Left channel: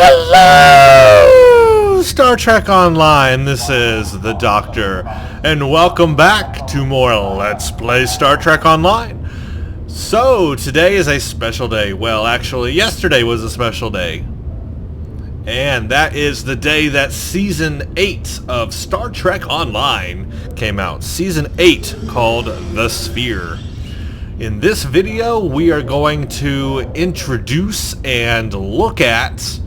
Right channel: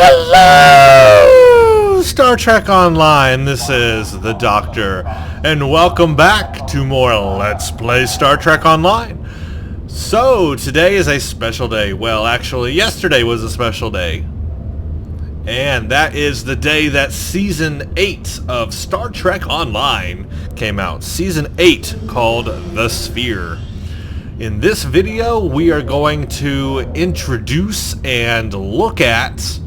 Hello, Star Trek Online. This is the Doctor, and welcome back to more Let's Play Star Trek Online. So, today is a special day. Well, actually, yesterday was a special day. And that is the day that Season 8 of Star Trek Online came out. Season 8, called The Sphere. In this video, we are going to introduce and look at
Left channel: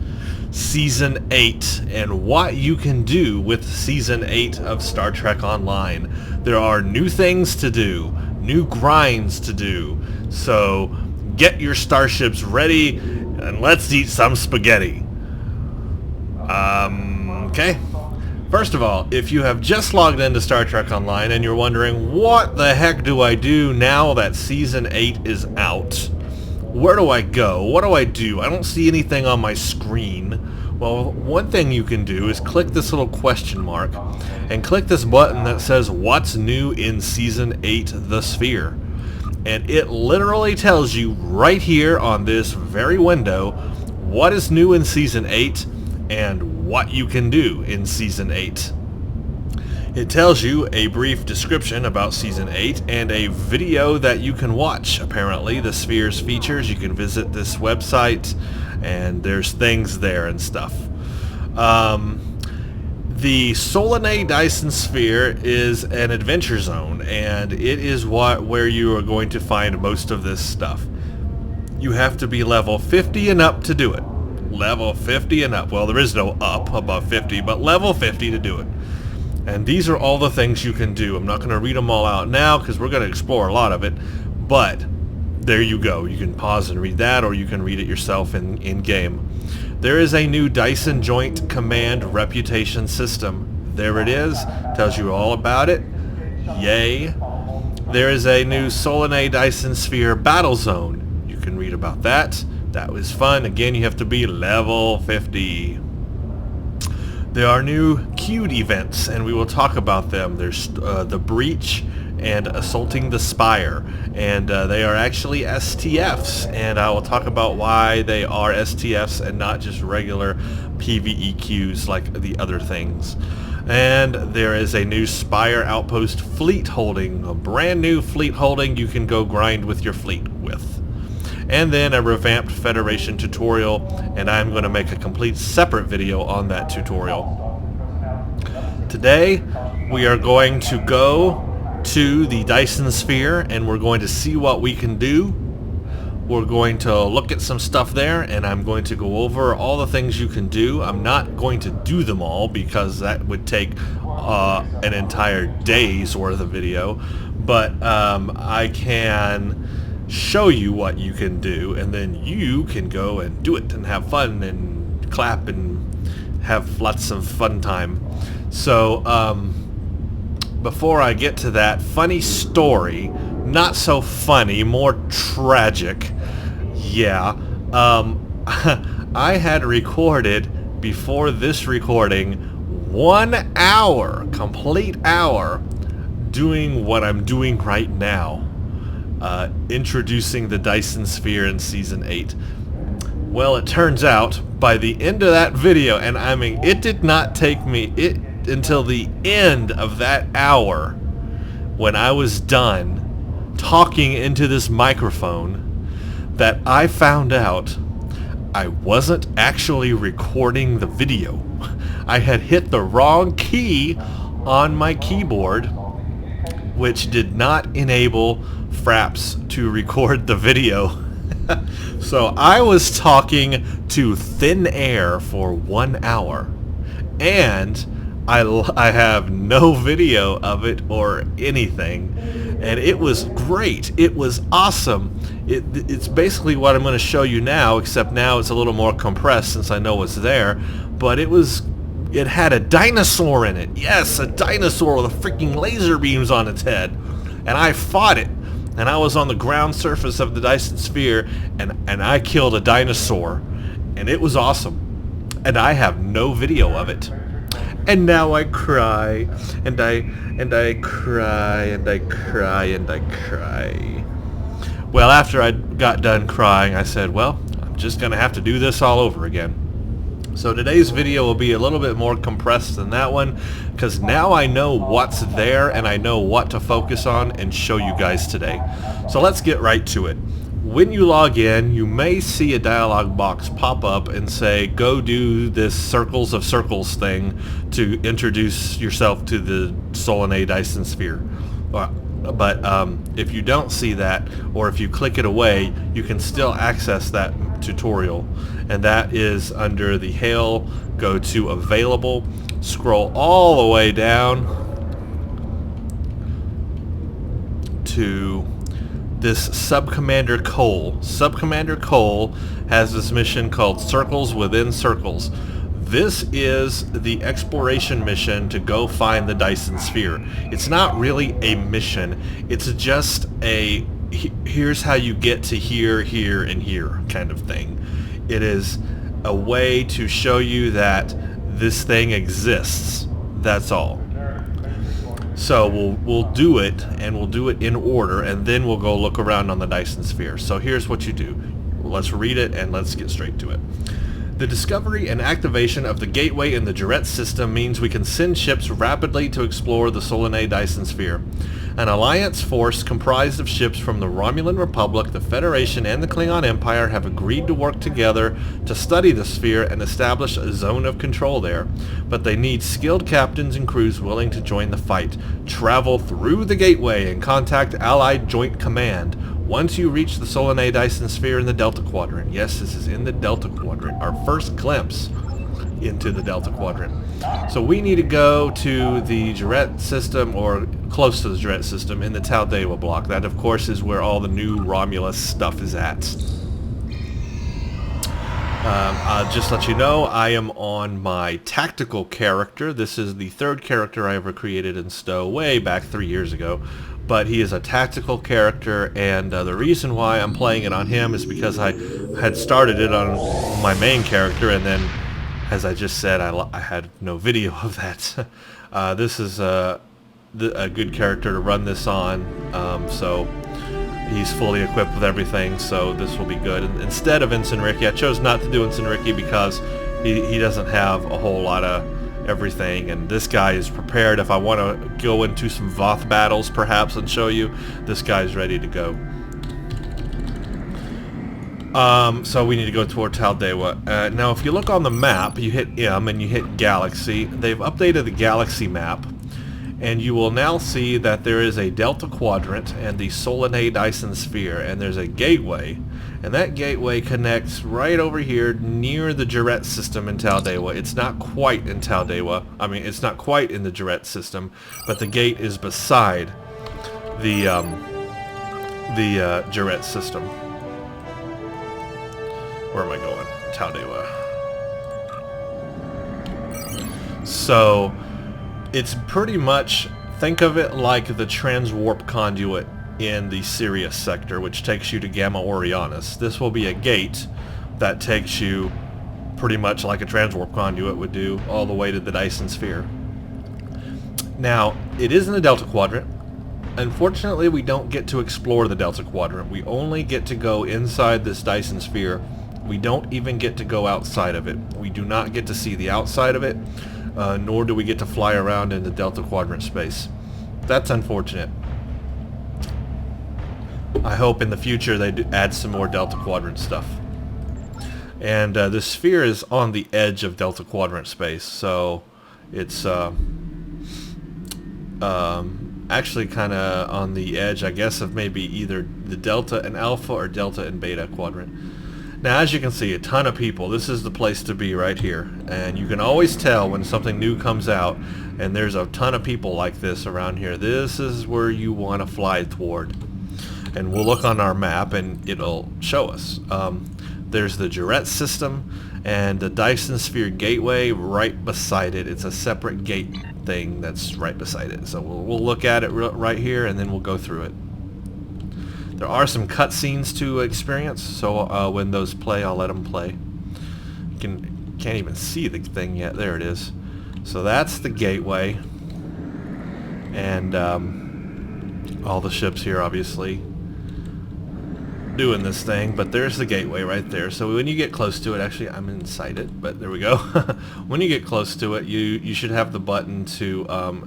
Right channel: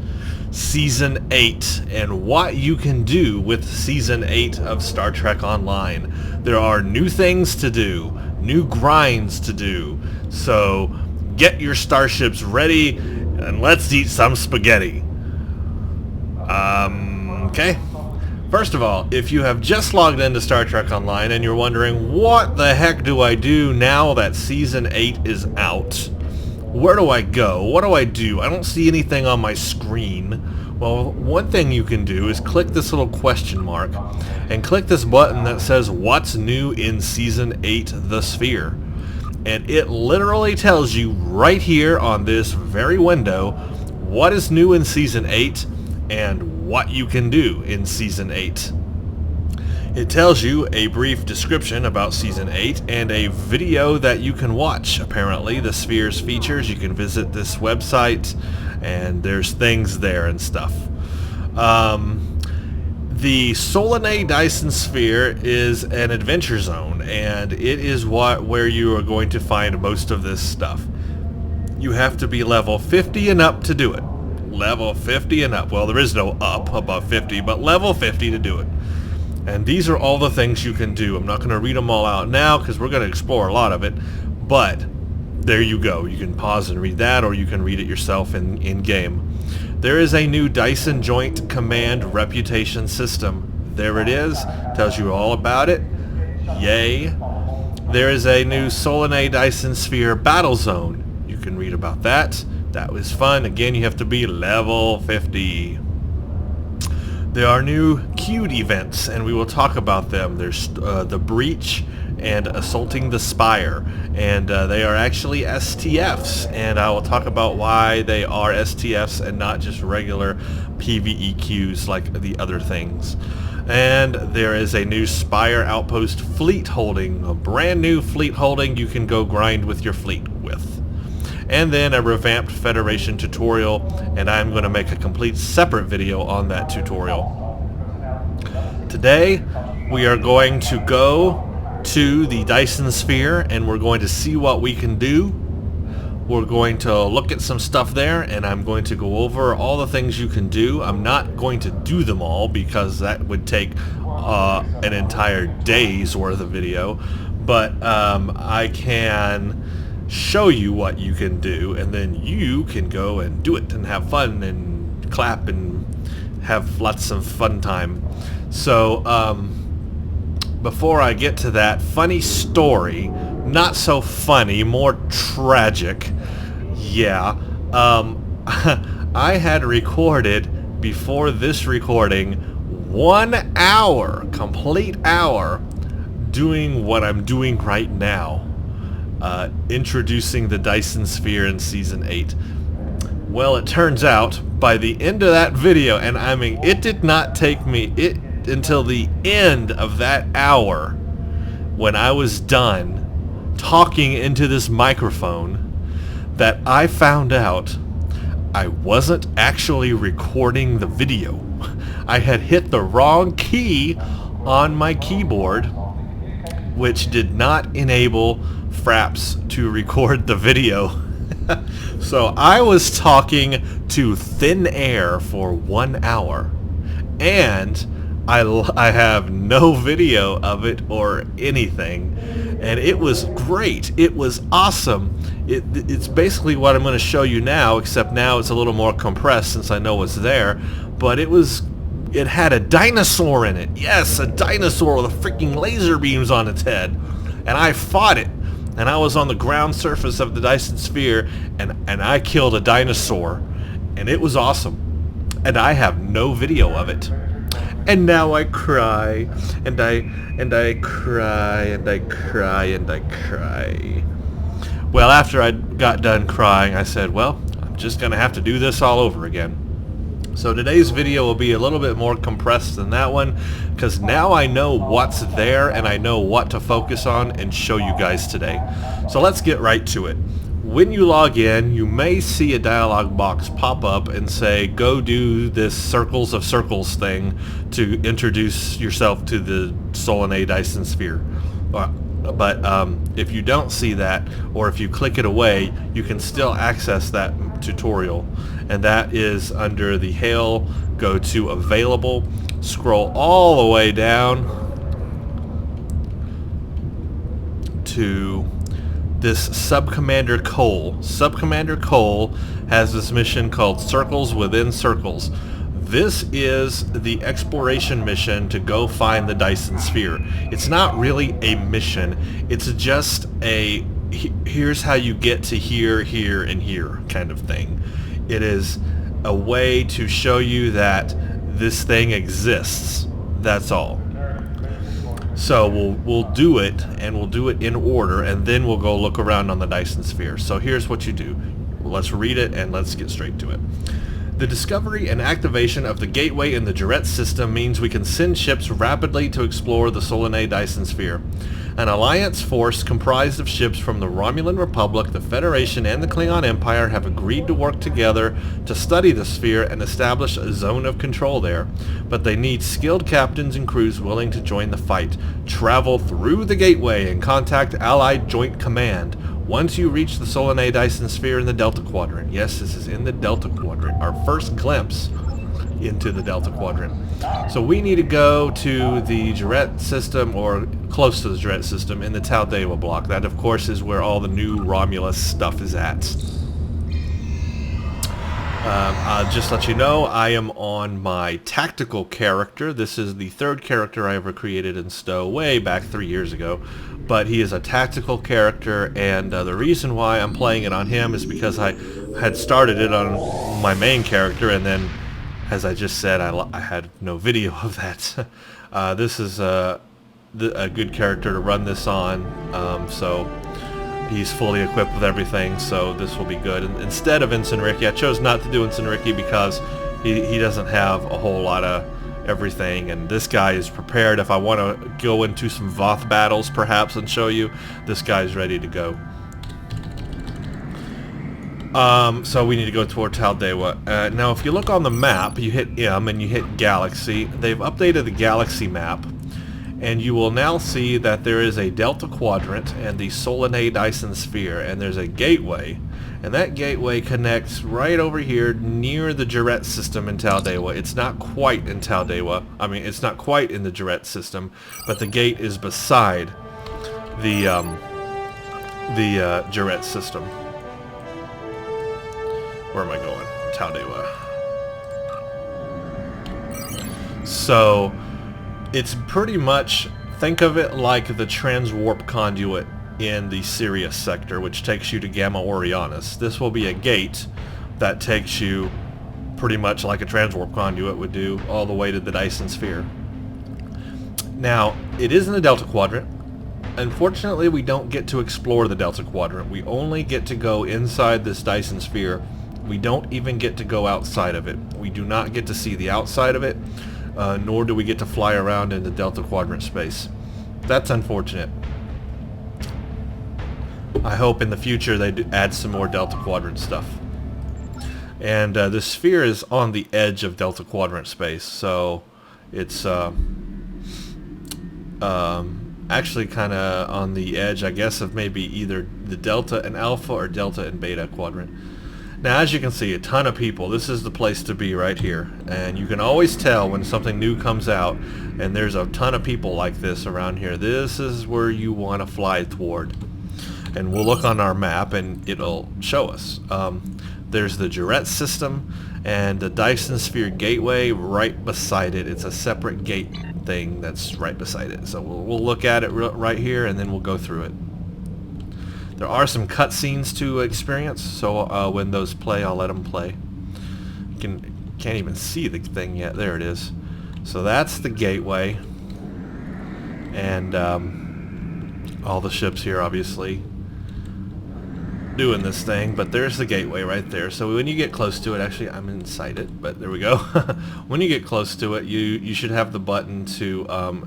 Season 8 and what you can do with Season 8 of Star Trek Online. There are new things to do, new grinds to do, so get your starships ready and let's eat some spaghetti. Okay. First of all, if you have just logged into Star Trek Online and you're wondering, what the heck do I do now that Season 8 is out? Where do I go? What do? I don't see anything on my screen. Well, one thing you can do is click this little question mark and click this button that says, what's new in Season 8 The Sphere? And it literally tells you right here on this very window what is new in Season 8 and what you can do in Season 8. It tells you a brief description about Season 8 and a video that you can watch. Apparently, the Sphere's features, you can visit this website and there's things there and stuff. The Solanae Dyson Sphere is an adventure zone, and it is where you are going to find most of this stuff. You have to be level 50 and up to do it. Level 50 and up. Well, there is no up above 50, but level 50 to do it. And these are all the things you can do. I'm not going to read them all out now because we're going to explore a lot of it, but there you go. You can pause and read that, or you can read it yourself in game. There is a new Dyson Joint Command Reputation System. There it is. Tells you all about it. Yay. There is a new Solanae Dyson Sphere Battle Zone. You can read about that. That was fun. Again, you have to be level 50. There are new queued events, and we will talk about them. There's the Breach and Assaulting the Spire, and they are actually STFs, and I will talk about why they are STFs and not just regular PvE queues like the other things. And there is a new Spire Outpost fleet holding, a brand new fleet holding you can go grind with your fleet with. And then a revamped Federation tutorial, and I'm going to make a complete separate video on that tutorial. Today, we are going to go to the Dyson Sphere, and we're going to see what we can do. We're going to look at some stuff there, and I'm going to go over all the things you can do. I'm not going to do them all because that would take an entire day's worth of video, but I can show you what you can do, and then you can go and do it and have fun and clap and have lots of fun time. So before I get to that, funny story, not so funny, more tragic. Yeah, I had recorded before this recording 1 hour, complete hour, doing what I'm doing right now. Introducing the Dyson Sphere in Season 8. Well, it turns out, by the end of that video, and I mean, it did not take me until the end of that hour, when I was done talking into this microphone, that I found out I wasn't actually recording the video. I had hit the wrong key on my keyboard, which did not enable Fraps to record the video. So I was talking to thin air for 1 hour, and I have no video of it or anything, and it was great. It was awesome. It's basically what I'm going to show you now, except now it's a little more compressed since I know what's there, but it had a dinosaur in it. Yes, a dinosaur with freaking laser beams on its head, and I fought it. And I was on the ground surface of the Dyson Sphere, and I killed a dinosaur, and it was awesome. And I have no video of it. And now I cry, and I cry, and I cry, and I cry. Well, after I got done crying, I said, well, I'm just going to have to do this all over again. So today's video will be a little bit more compressed than that one, because now I know what's there and I know what to focus on and show you guys today. So let's get right to it. When you log in, you may see a dialog box pop up and say, go do this Circles of Circles thing to introduce yourself to the Solanae Dyson Sphere. But if you don't see that, or if you click it away, you can still access that tutorial. And that is under the Hail, go to Available, scroll all the way down to this Subcommander Cole. Subcommander Cole has this mission called Circles Within Circles. This is the exploration mission to go find the Dyson Sphere. It's not really a mission. It's just a here's how you get to here, here, and here kind of thing. It is a way to show you that this thing exists. That's all. So we'll do it, and we'll do it in order, and then we'll go look around on the Dyson Sphere. So here's what you do. Let's read it and let's get straight to it. The discovery and activation of the gateway in the Duret system means we can send ships rapidly to explore the Solanae Dyson Sphere. An alliance force comprised of ships from the Romulan Republic, the Federation, and the Klingon Empire have agreed to work together to study the sphere and establish a zone of control there. But they need skilled captains and crews willing to join the fight. Travel through the gateway and contact Allied Joint Command. Once you reach the Solanae Dyson Sphere in the Delta Quadrant. Yes, this is in the Delta Quadrant. Our first glimpse into the Delta Quadrant. So we need to go to the Duret system, or close to the Duret system, in the Taldewa block. That, of course, is where all the new Romulus stuff is at. I'll just let you know, I am on my tactical character. This is the third character I ever created in Stowe, way back 3 years ago. But he is a tactical character, and the reason why I'm playing it on him is because I had started it on my main character, and then, as I just said, I had no video of that. This is a good character to run this on, so he's fully equipped with everything, so this will be good. And instead of Ensign Ricky, I chose not to do Ensign Ricky because he doesn't have a whole lot of everything, and this guy is prepared. If I want to go into some Voth battles perhaps and show you, this guy's ready to go. So we need to go toward Taldewa. Now if you look on the map, you hit M and you hit Galaxy. They've updated the Galaxy map, and you will now see that there is a Delta Quadrant and the Solanae Dyson Sphere, and there's a gateway, and that gateway connects right over here near the Duret system in Taldewa. It's not quite in Taldewa. I mean, it's not quite in the Duret system, but the gate is beside the Duret system. Where am I going? Taldewa. So it's pretty much, think of it like the transwarp conduit in the Sirius sector, which takes you to Gamma Orionis. This will be a gate that takes you pretty much like a transwarp conduit would do all the way to the Dyson Sphere. Now, it is in the Delta Quadrant. Unfortunately, we don't get to explore the Delta Quadrant. We only get to go inside this Dyson Sphere. We don't even get to go outside of it. We do not get to see the outside of it, nor do we get to fly around in the Delta Quadrant space. That's unfortunate. I hope in the future they add some more Delta Quadrant stuff. And the sphere is on the edge of Delta Quadrant space, so it's actually kind of on the edge, I guess, of maybe either the Delta and Alpha or Delta and Beta Quadrant. Now, as you can see, a ton of people. This is the place to be right here. And you can always tell when something new comes out, and there's a ton of people like this around here. This is where you want to fly toward. And we'll look on our map, and it'll show us. There's the Duret system and the Dyson Sphere gateway right beside it. It's a separate gate thing that's right beside it. So we'll look at it right here, and then we'll go through it. There are some cutscenes to experience, so when those play, I'll let them play. You can't even see the thing yet. There it is. So that's the gateway, and all the ships here, obviously. doing this thing, but there's the gateway right there. So when you get close to it, actually I'm inside it, but there we go. When you get close to it, you should have the button to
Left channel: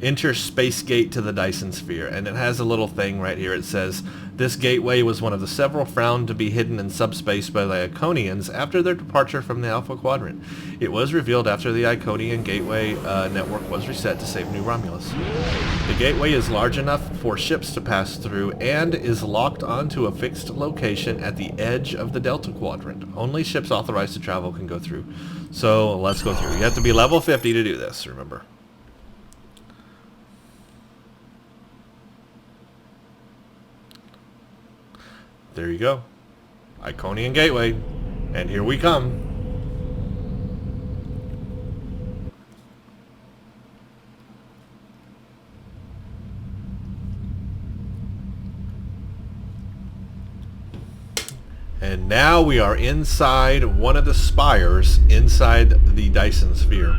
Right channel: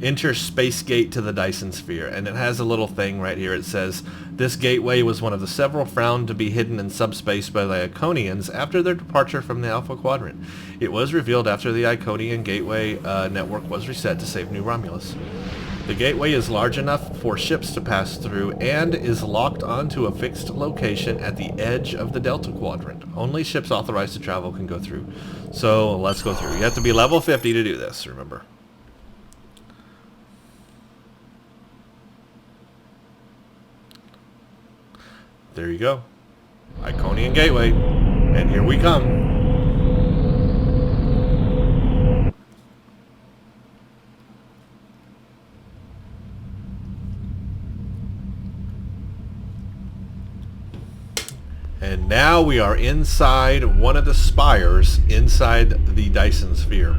enter space gate to the Dyson Sphere, and it has a little thing right here. It says, this gateway was one of the several found to be hidden in subspace by the Iconians after their departure from the Alpha Quadrant. It was revealed after the Iconian gateway network was reset to save New Romulus. The gateway is large enough for ships to pass through and is locked onto a fixed location at the edge of the Delta Quadrant. Only ships authorized to travel can go through. So let's go through. You have to be level 50 to do this, remember. There you go. Iconian Gateway. And here we come. And now we are inside one of the spires inside the Dyson Sphere.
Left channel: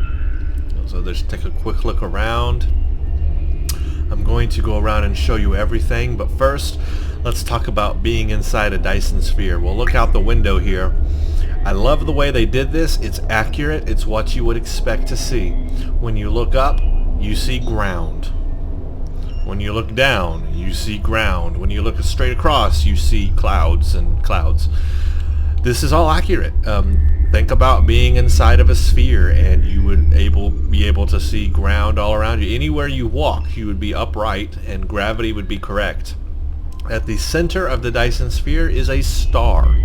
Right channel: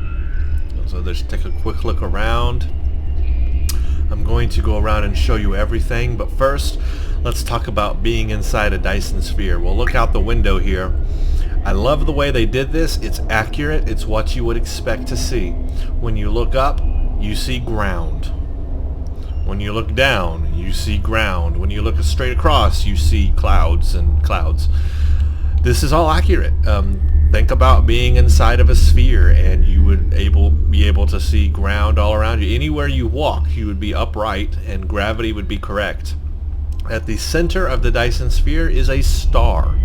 So let's take a quick look around. I'm going to go around and show you everything, but first let's talk about being inside a Dyson Sphere. We'll look out the window here. I love the way they did this. It's accurate. It's what you would expect to see. When you look up, you see ground. When you look down, you see ground. When you look straight across, you see clouds and clouds. This is all accurate. Think about being inside of a sphere, and you would be able to see ground all around you. Anywhere you walk, you would be upright, and gravity would be correct. At the center of the Dyson Sphere is a star.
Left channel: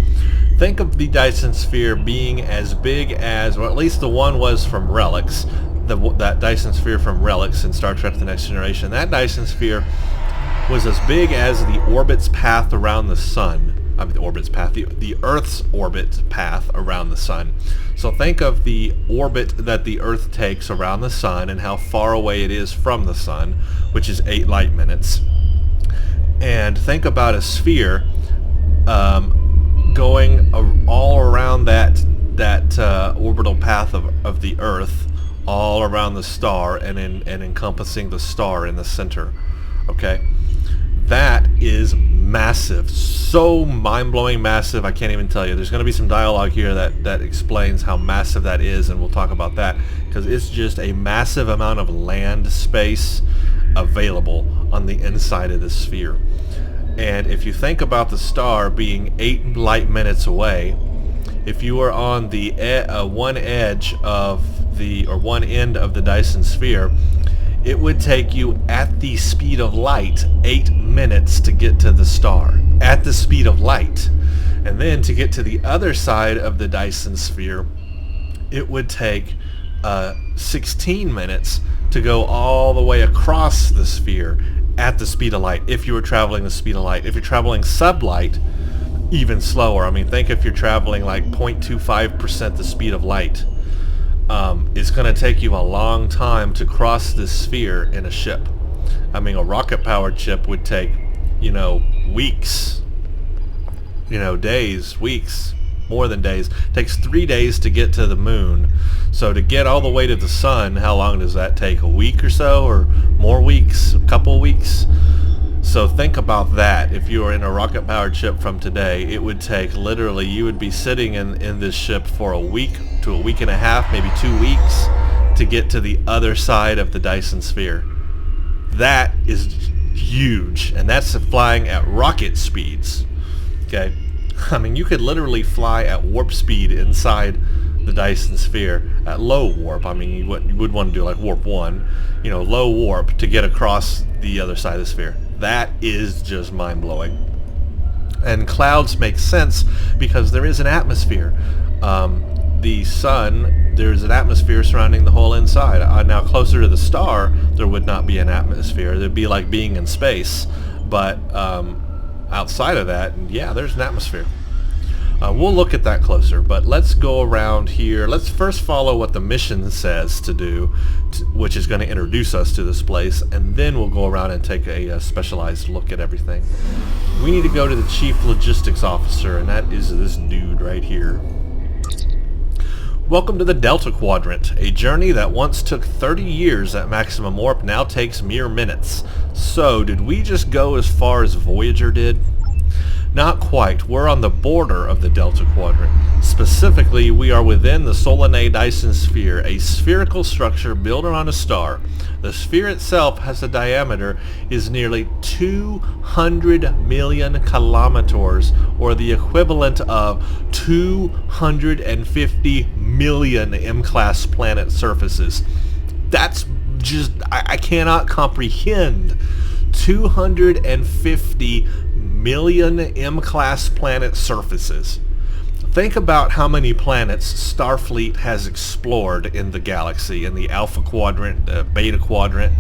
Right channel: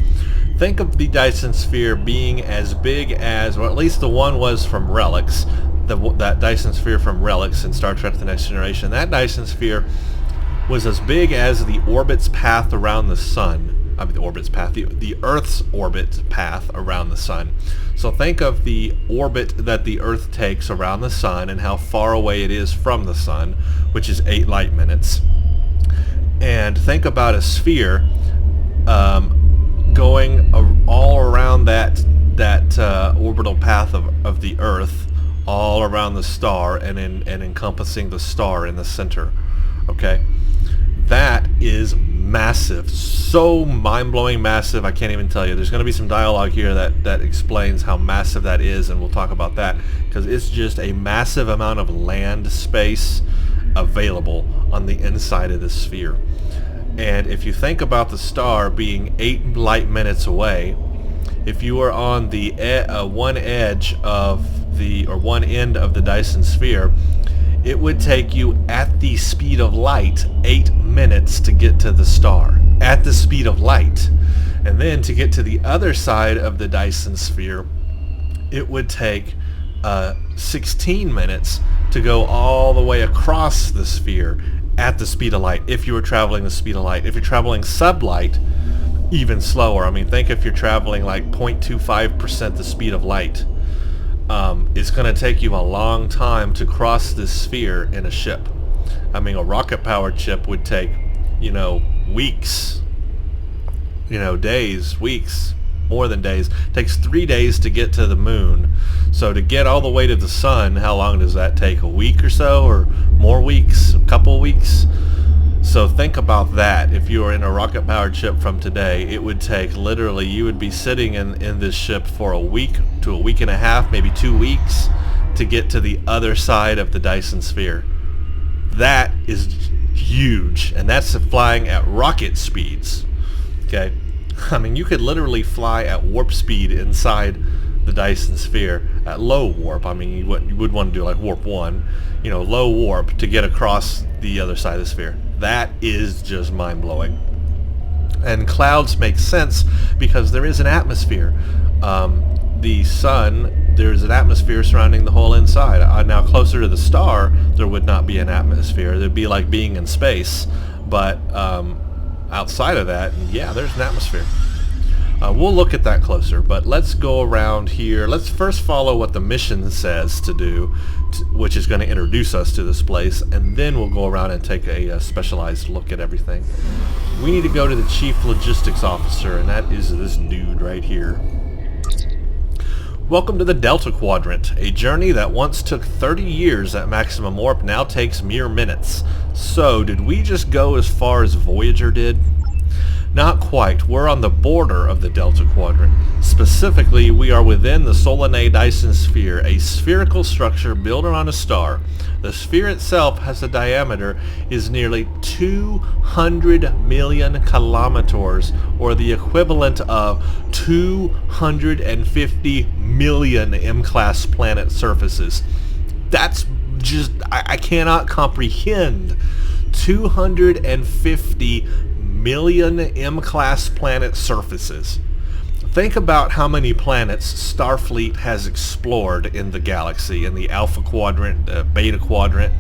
Think of the Dyson Sphere being as big as, or at least the one was from Relics, that Dyson Sphere from Relics in Star Trek The Next Generation. That Dyson Sphere was as big as the orbit's path around the sun. I mean, the Earth's orbit path around the sun. So think of the orbit that the Earth takes around the sun and how far away it is from the sun, which is 8 light minutes. And think about a sphere going all around that orbital path of the Earth, all around the star, and encompassing the star in the center. Okay, that is massive, so mind-blowing massive. I can't even tell you. There's going to be some dialogue here that explains how massive that is, and we'll talk about that, because it's just a massive amount of land space available on the inside of the sphere. And if you think about the star being 8 light minutes away, if you were on the one end of the Dyson Sphere, it would take you at the speed of light 8 minutes to get to the star, at the speed of light. And then to get to the other side of the Dyson Sphere, it would take 16 minutes to go all the way across the sphere at the speed of light, if you were traveling the speed of light. If you're traveling sublight, even slower. I mean, think if you're traveling like 0.25% the speed of light. It's going to take you a long time to cross this sphere in a ship. I mean, a rocket-powered ship would take, weeks, days, weeks, more than days. It takes 3 days to get to the moon. So to get all the way to the sun, how long does that take? A week or so, or more weeks, a couple weeks? So think about that. If you were in a rocket-powered ship from today, it would take literally, you would be sitting in this ship for a week to a week and a half, maybe 2 weeks, to get to the other side of the Dyson Sphere. That is huge, and that's flying at rocket speeds. Okay, I mean, you could literally fly at warp speed inside the Dyson Sphere at low warp. I mean, you would want to do like warp 1, low warp to get across the other side of the sphere. That is just mind-blowing. And clouds make sense because there is an atmosphere. The sun, there's an atmosphere surrounding the whole inside. Now, closer to the star, there would not be an atmosphere. There'd be like being in space. But outside of that, yeah, there's an atmosphere. We'll look at that closer, but let's go around here. Let's first follow what the mission says to do, which is going to introduce us to this place, and then we'll go around and take a specialized look at everything. We need to go to the Chief Logistics Officer, and that is this dude right here. Welcome to the Delta Quadrant. A journey that once took 30 years at maximum warp now takes mere minutes. So, did we just go as far as Voyager did? Not quite. We're on the border of the Delta Quadrant. Specifically, we are within the Solanae Dyson Sphere, a spherical structure built around a star. The sphere itself has a diameter is nearly 200 million kilometers, or the equivalent of 250 million M-class planet surfaces. That's just, I cannot comprehend 250 million M-class planet surfaces. Think about how many planets Starfleet has explored in the galaxy, in the Alpha Quadrant, Beta Quadrant.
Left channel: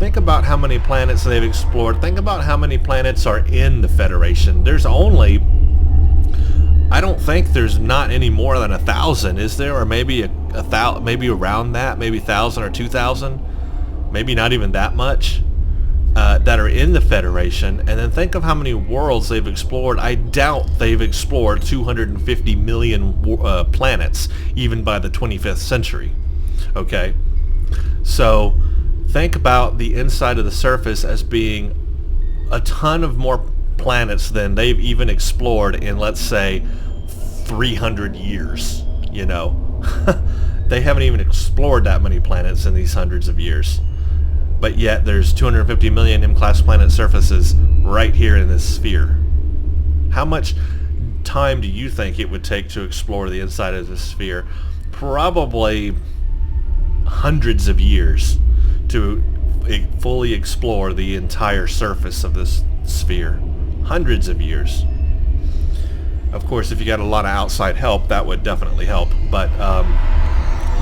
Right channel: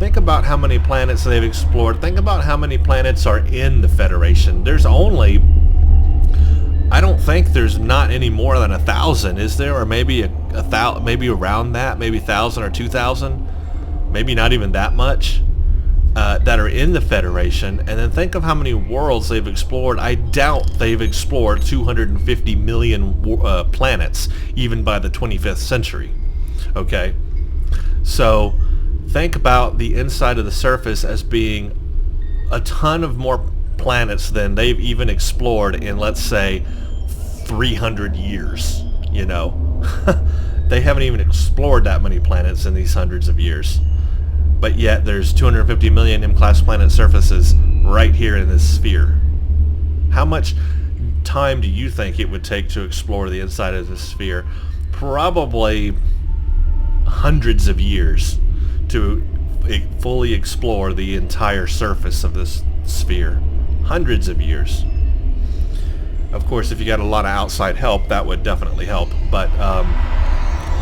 Think about how many planets they've explored. Think about how many planets are in the Federation. There's only, I don't think there's not any more than 1,000, is there? Or maybe a thousand, maybe around that, maybe 1,000 or 2,000, maybe not even that much. That are in the Federation, and then think of how many worlds they've explored. I doubt they've explored 250 million planets, even by the 25th century. Okay? So, think about the inside of the surface as being a ton of more planets than they've even explored in, let's say, 300 years. You know? They haven't even explored that many planets in these hundreds of years. But yet there's 250 million M-class planet surfaces right here in this sphere. How much time do you think it would take to explore the inside of this sphere? Probably hundreds of years to fully explore the entire surface of this sphere. Hundreds of years. Of course, if you got a lot of outside help, that would definitely help. But,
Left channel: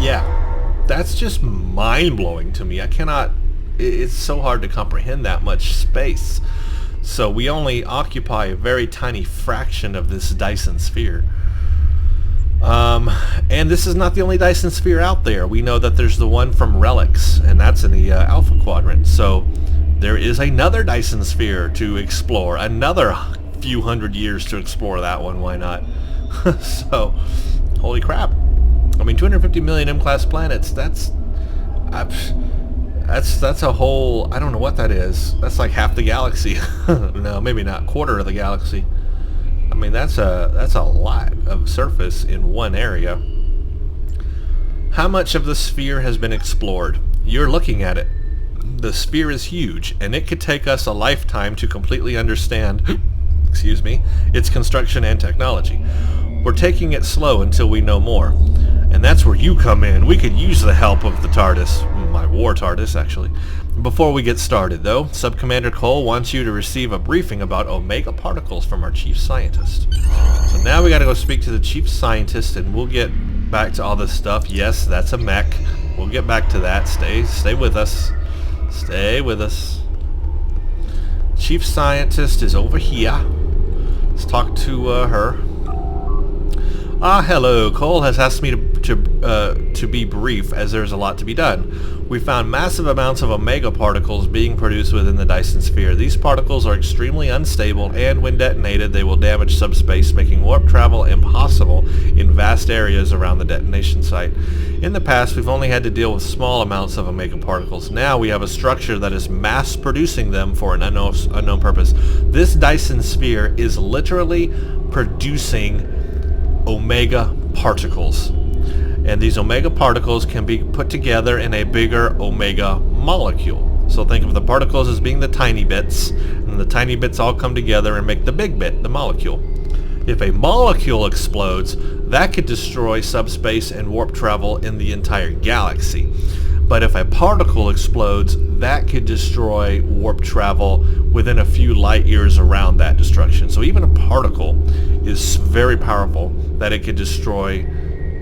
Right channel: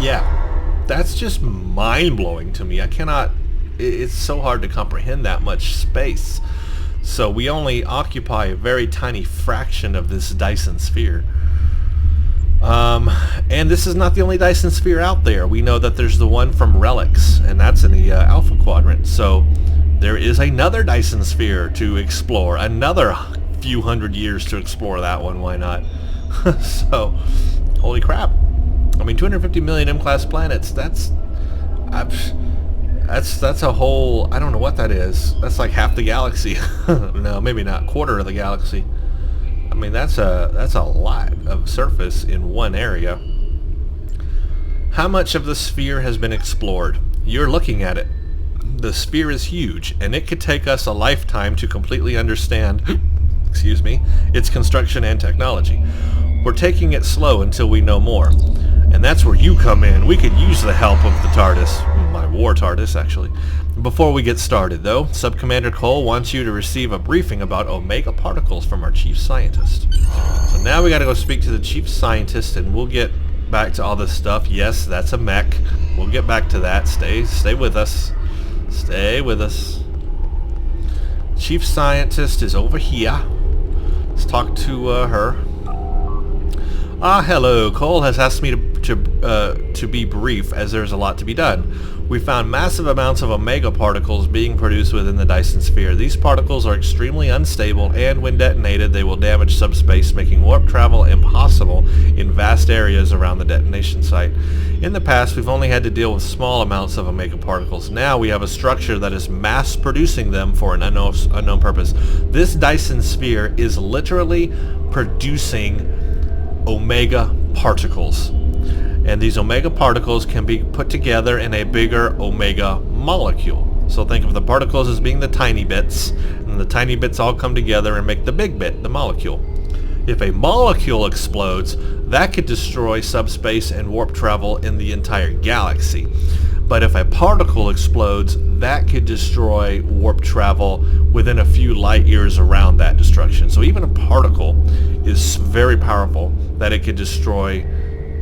yeah, that's just mind-blowing to me. I cannot... It's so hard to comprehend that much space. So we only occupy a very tiny fraction of this Dyson Sphere. And this is not the only Dyson Sphere out there. We know that there's the one from Relics, and that's in the Alpha Quadrant. So there is another Dyson Sphere to explore. Another few hundred years to explore that one. Why not? So, holy crap. I mean, 250 million M-class planets, that's a whole, I don't know what that is. That's like half the galaxy. No, maybe not. Quarter of the galaxy. I mean, that's a lot of surface in one area. How much of the sphere has been explored? You're looking at it. The sphere is huge, and it could take us a lifetime to completely understand, excuse me, its construction and technology. We're taking it slow until we know more. And that's where you come in. We could use the help of the TARDIS, my war TARDIS actually. Before we get started though, Sub-Commander Cole wants you to receive a briefing about Omega particles from our Chief Scientist. So now we gotta go speak to the Chief Scientist and we'll get back to all this stuff. Yes, that's a mech. We'll get back to that. Stay with us. Stay with us. Chief Scientist is over here. Let's talk to her. Hello. Cole has asked me to be brief, as there's a lot to be done. We found massive amounts of Omega particles being produced within the Dyson Sphere. These particles are extremely unstable, and when detonated, they will damage subspace, making warp travel impossible in vast areas around the detonation site. In the past, we've only had to deal with small amounts of Omega particles. Now we have a structure that is mass-producing them for an unknown purpose. This Dyson Sphere is literally producing Omega particles. And these Omega particles can be put together in a bigger Omega molecule. So think of the particles as being the tiny bits, and the tiny bits all come together and make the big bit, the molecule. If a molecule explodes, that could destroy subspace and warp travel in the entire galaxy. But if a particle explodes, that could destroy warp travel within a few light years around that destruction. So even a particle is very powerful that it could destroy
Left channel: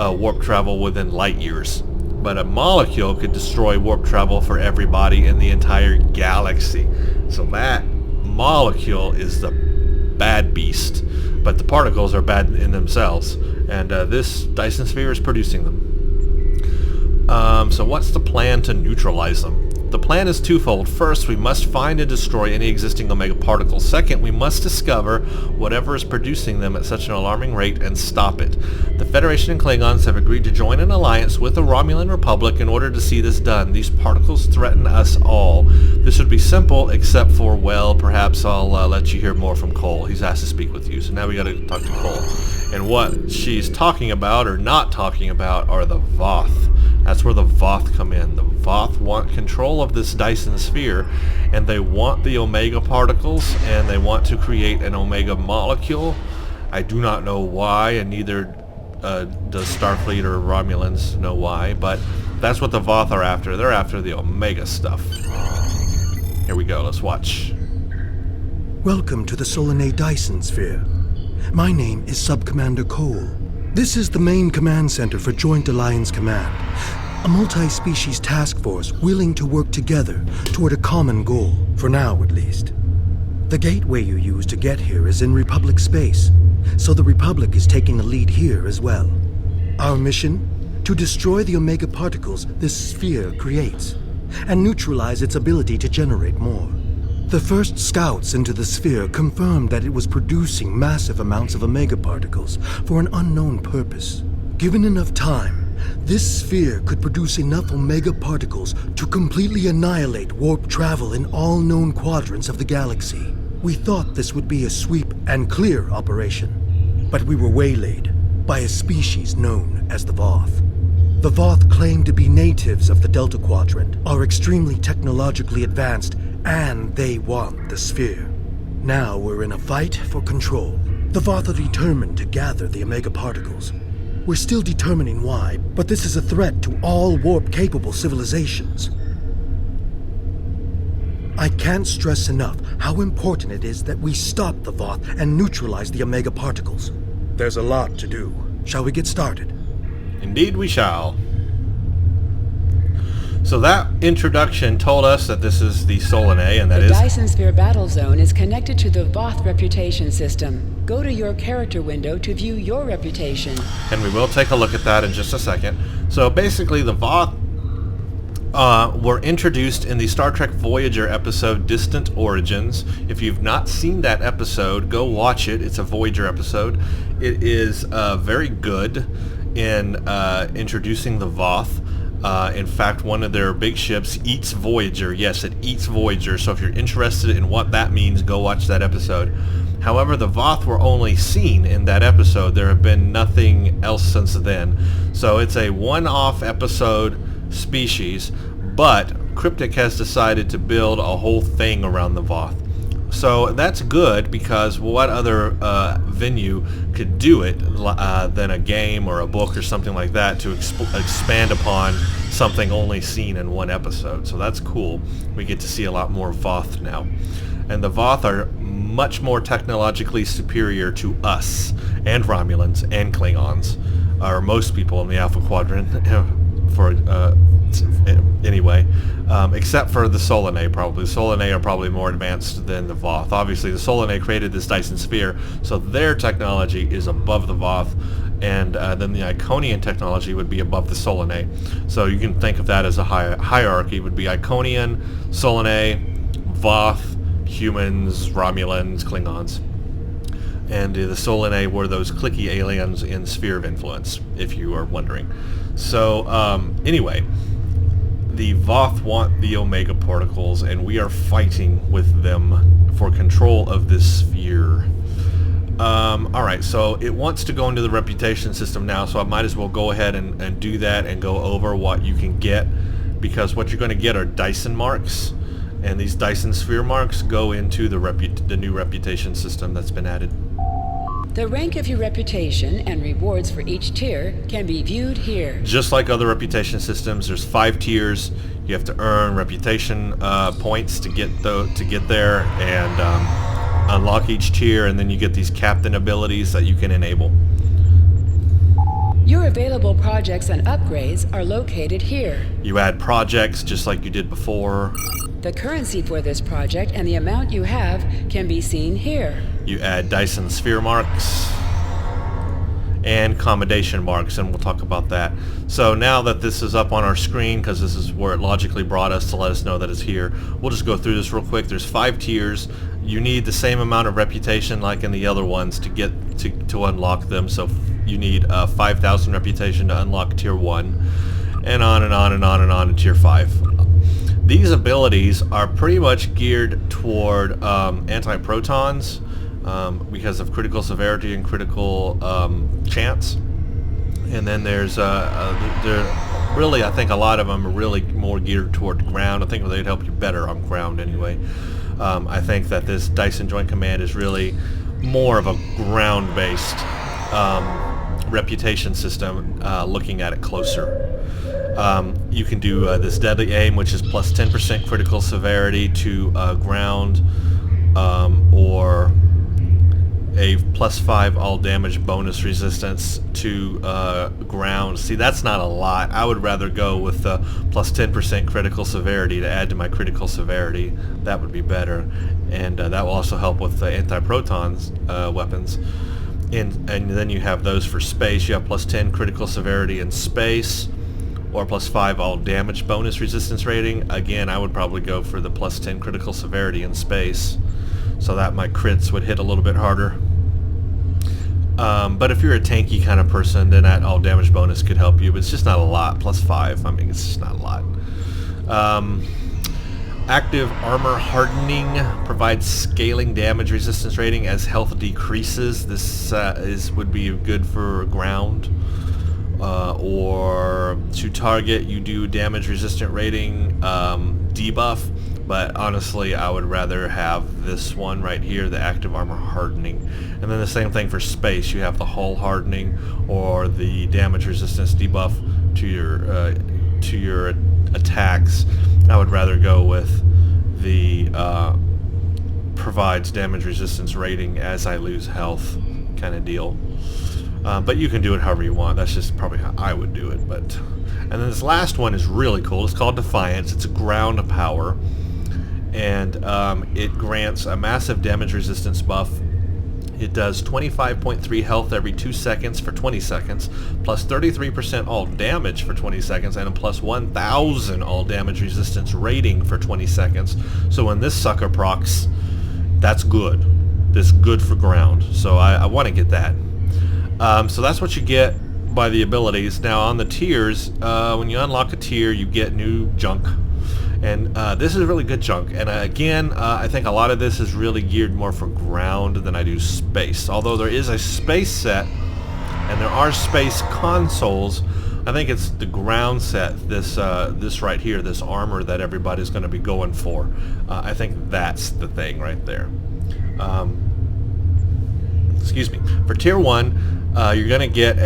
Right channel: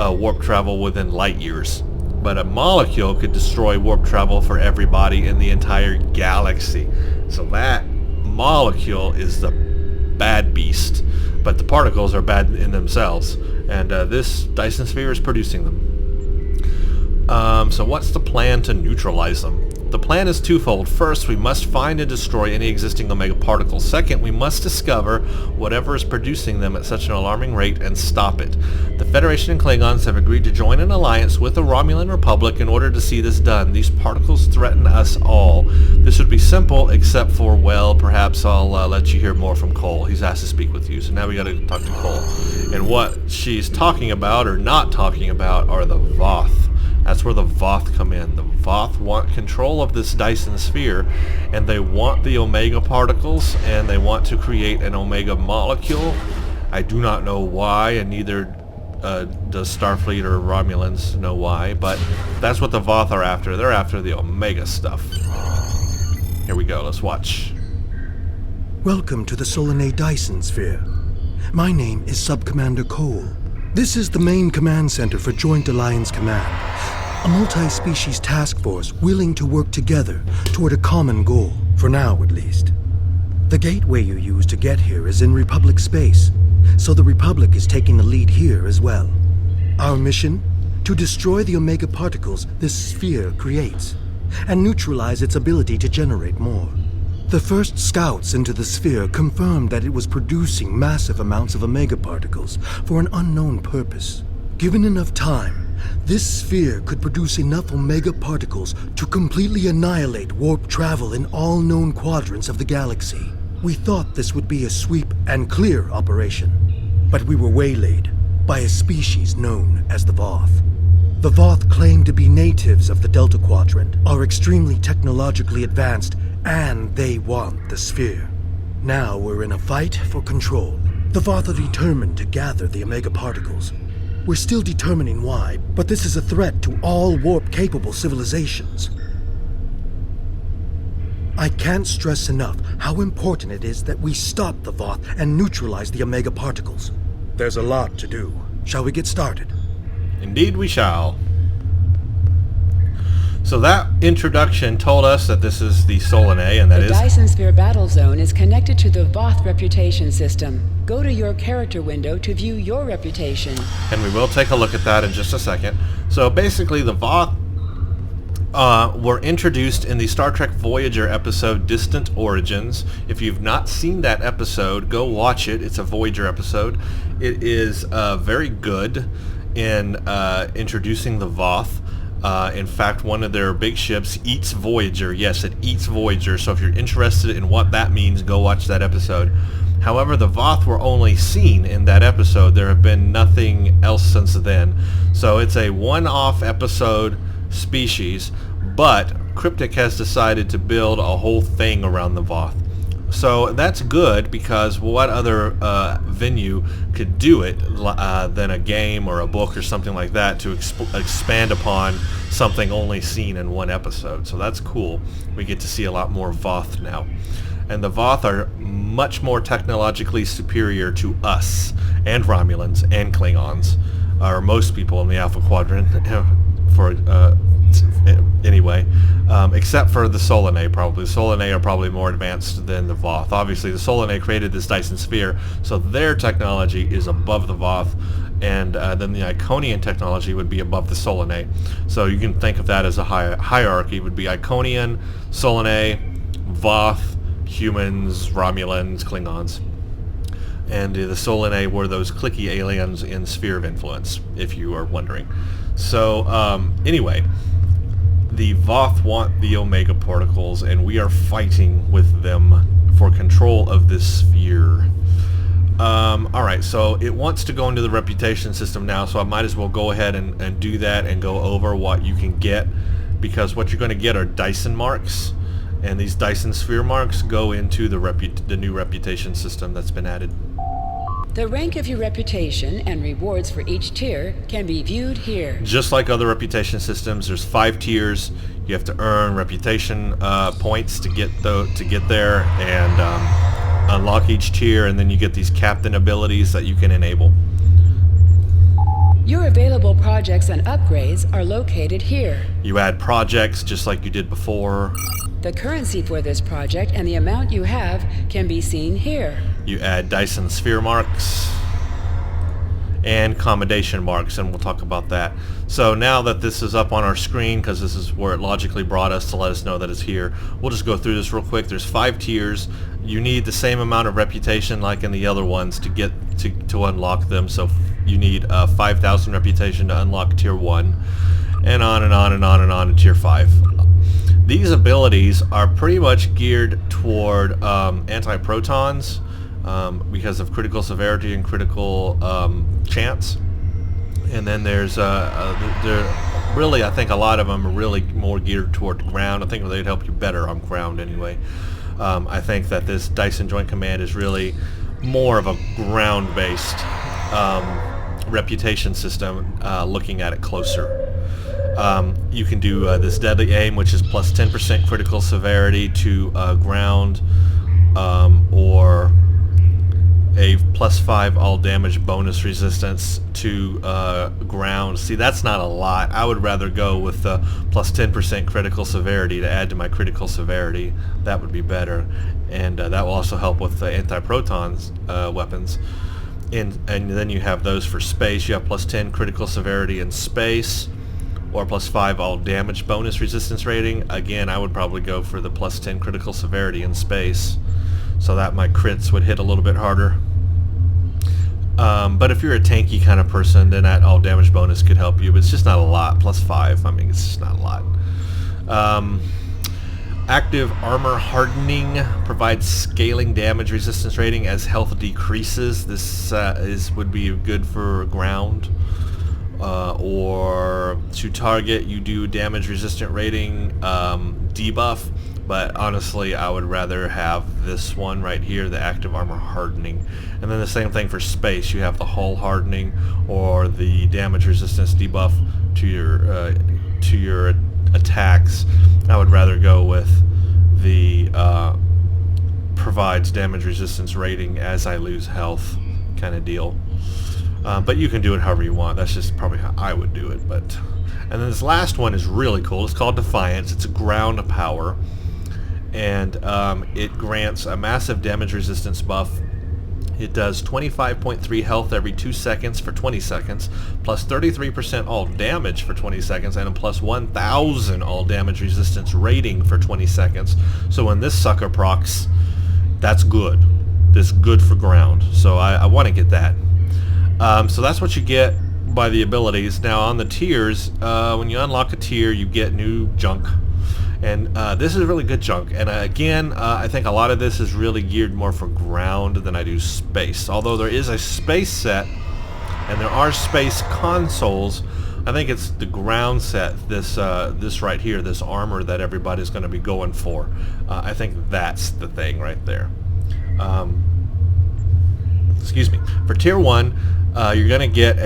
warp travel within light years. But a molecule could destroy warp travel for everybody in the entire galaxy. So that molecule is the bad beast. But the particles are bad in themselves. And this Dyson Sphere is producing them. So what's the plan to neutralize them? The plan is twofold. First, we must find and destroy any existing Omega particles. Second, we must discover whatever is producing them at such an alarming rate and stop it. The Federation and Klingons have agreed to join an alliance with the Romulan Republic in order to see this done. These particles threaten us all. This would be simple, except for, well, perhaps I'll let you hear more from Cole. He's asked to speak with you, so now we gotta talk to Cole. And what she's talking about, or not talking about, are the Voth. That's where the Voth come in. The Voth want control of this Dyson Sphere, and they want the Omega particles, and they want to create an Omega molecule. I do not know why, and neither does Starfleet or Romulans know why, but that's what the Voth are after. They're after the Omega stuff. Here we go, let's watch. Welcome to the Solanae Dyson Sphere. My name is Sub-Commander Cole. This is the main command center for Joint Alliance Command, a multi-species task force willing to work together toward a common goal, for now at least. The gateway you use to get here is in Republic space, so the Republic is taking the lead here as well. Our mission? To destroy the Omega particles this sphere creates, and neutralize its ability to generate more. The first scouts into the sphere confirmed that it was producing massive amounts of Omega particles for an unknown purpose. Given enough time, this sphere could produce enough Omega particles to completely annihilate warp travel in all known quadrants of the galaxy. We thought this would be a sweep and clear operation, but we were waylaid by a species known as the Voth. The Voth claim to be natives of the Delta Quadrant, are extremely technologically advanced, and they want the sphere. Now we're in a fight for control. The Voth are determined to gather the Omega particles. We're still determining why, but this is a threat to all warp-capable civilizations. I can't stress enough how important it is that we stop the Voth and neutralize the Omega particles. There's a lot to do. Shall we get started? Indeed we shall. So that introduction told us that this is the Solanae, and that the is... The Dyson Sphere battle zone is connected to the Voth reputation system. Go to your character window to view your reputation. And we will take a look at that in just a second. So basically the Voth were introduced in the Star Trek Voyager episode Distant Origins. If you've not seen that episode, go watch it. It's a Voyager episode. It is very good in introducing the Voth. In fact, one of their big ships eats Voyager. Yes, it eats Voyager. So if you're interested in what that means, go watch that episode. However, the Voth were only seen in that episode. There have been nothing else since then. So it's a one-off episode species, but Cryptic has decided to build a whole thing around the Voth. So that's good, because what other venue could do it than a game or a book or something like that to expand upon something only seen in one episode. So that's cool. We get to see a lot more Voth now. And the Voth are much more technologically superior to us and Romulans and Klingons, or most people in the Alpha Quadrant, anyway, except for the Solanae, probably. The Solanae are probably more advanced than the Voth. Obviously, the Solanae created this Dyson Sphere, so their technology is above the Voth, and then the Iconian technology would be above the Solanae. So you can think of that as a hierarchy. It would be Iconian, Solanae, Voth, humans, Romulans, Klingons. And the Solanae were those clicky aliens in Sphere of Influence, if you are wondering. So, anyway, the Voth want the Omega particles, and we are fighting with them for control of this sphere. Alright, so it wants to go into the reputation system now, so I might as well go ahead and do that and go over what you can get, because what you're going to get are Dyson marks, and these Dyson Sphere marks go into the new reputation system that's been added. The rank of your reputation and rewards for each tier can be viewed here. Just like other reputation systems, there's 5 tiers. You have to earn reputation points to get there and unlock each tier, and then you get these captain abilities that you can enable. Your available projects and upgrades are located here. You add projects just like you did before. The currency for this project and the amount you have can be seen here. You add Dyson Sphere marks, and commendation marks, and we'll talk about that. So now that this is up on our screen, because this is where it logically brought us to let us know that it's here, we'll just go through this real quick. There's 5 tiers. You need the same amount of reputation like in the other ones to get to unlock them. So you need 5,000 reputation to unlock tier 1, and on and on and on and on to tier 5. These abilities are pretty much geared toward anti-protons, because of critical severity and critical chance. And then there's really, I think a lot of them are really more geared toward ground. I think they'd help you better on ground anyway. I think that this Dyson Joint Command is really more of a ground-based reputation system, looking at it closer. You can do this Deadly Aim, which is plus 10% critical severity to ground, or a plus 5 all damage bonus resistance to ground. See, that's not a lot. I would rather go with the plus 10% critical severity to add to my critical severity. That would be better, and that will also help with the anti-protons weapons. And then you have those for space. You have plus 10 critical severity in space, or plus 5 all damage bonus resistance rating. Again, I would probably go for the plus 10 critical severity in space, so that my crits would hit a little bit harder. But if you're a tanky kind of person, then that all damage bonus could help you, but it's just not a lot. Plus 5, I mean, it's just not a lot. Active armor hardening provides scaling damage resistance rating as health decreases. This would be good for ground. Or to target, you do damage resistant rating debuff, but honestly I would rather have this one right here, the active armor hardening. And then the same thing for space, you have the hull hardening or the damage resistance debuff to your attacks. I would rather go with the provides damage resistance rating as I lose health kind of deal. But you can do it however you want. That's just probably how I would do it. And then this last one is really cool. It's called Defiance. It's a ground power, and it grants a massive damage resistance buff. It does 25.3 health every 2 seconds for 20 seconds, plus 33% all damage for 20 seconds, and a plus 1,000 all damage resistance rating for 20 seconds. So when this sucker procs, that's good. This is good for ground. So I want to get that. So that's what you get by the abilities. Now on the tiers, when you unlock a tier, you get new junk, and this is really good junk. And again, I think a lot of this is really geared more for ground than I do space. Although there is a space set, and there are space consoles, I think it's the ground set. This right here, this armor that everybody's going to be going for. I think that's the thing right there. Excuse me. For tier 1. You're going to get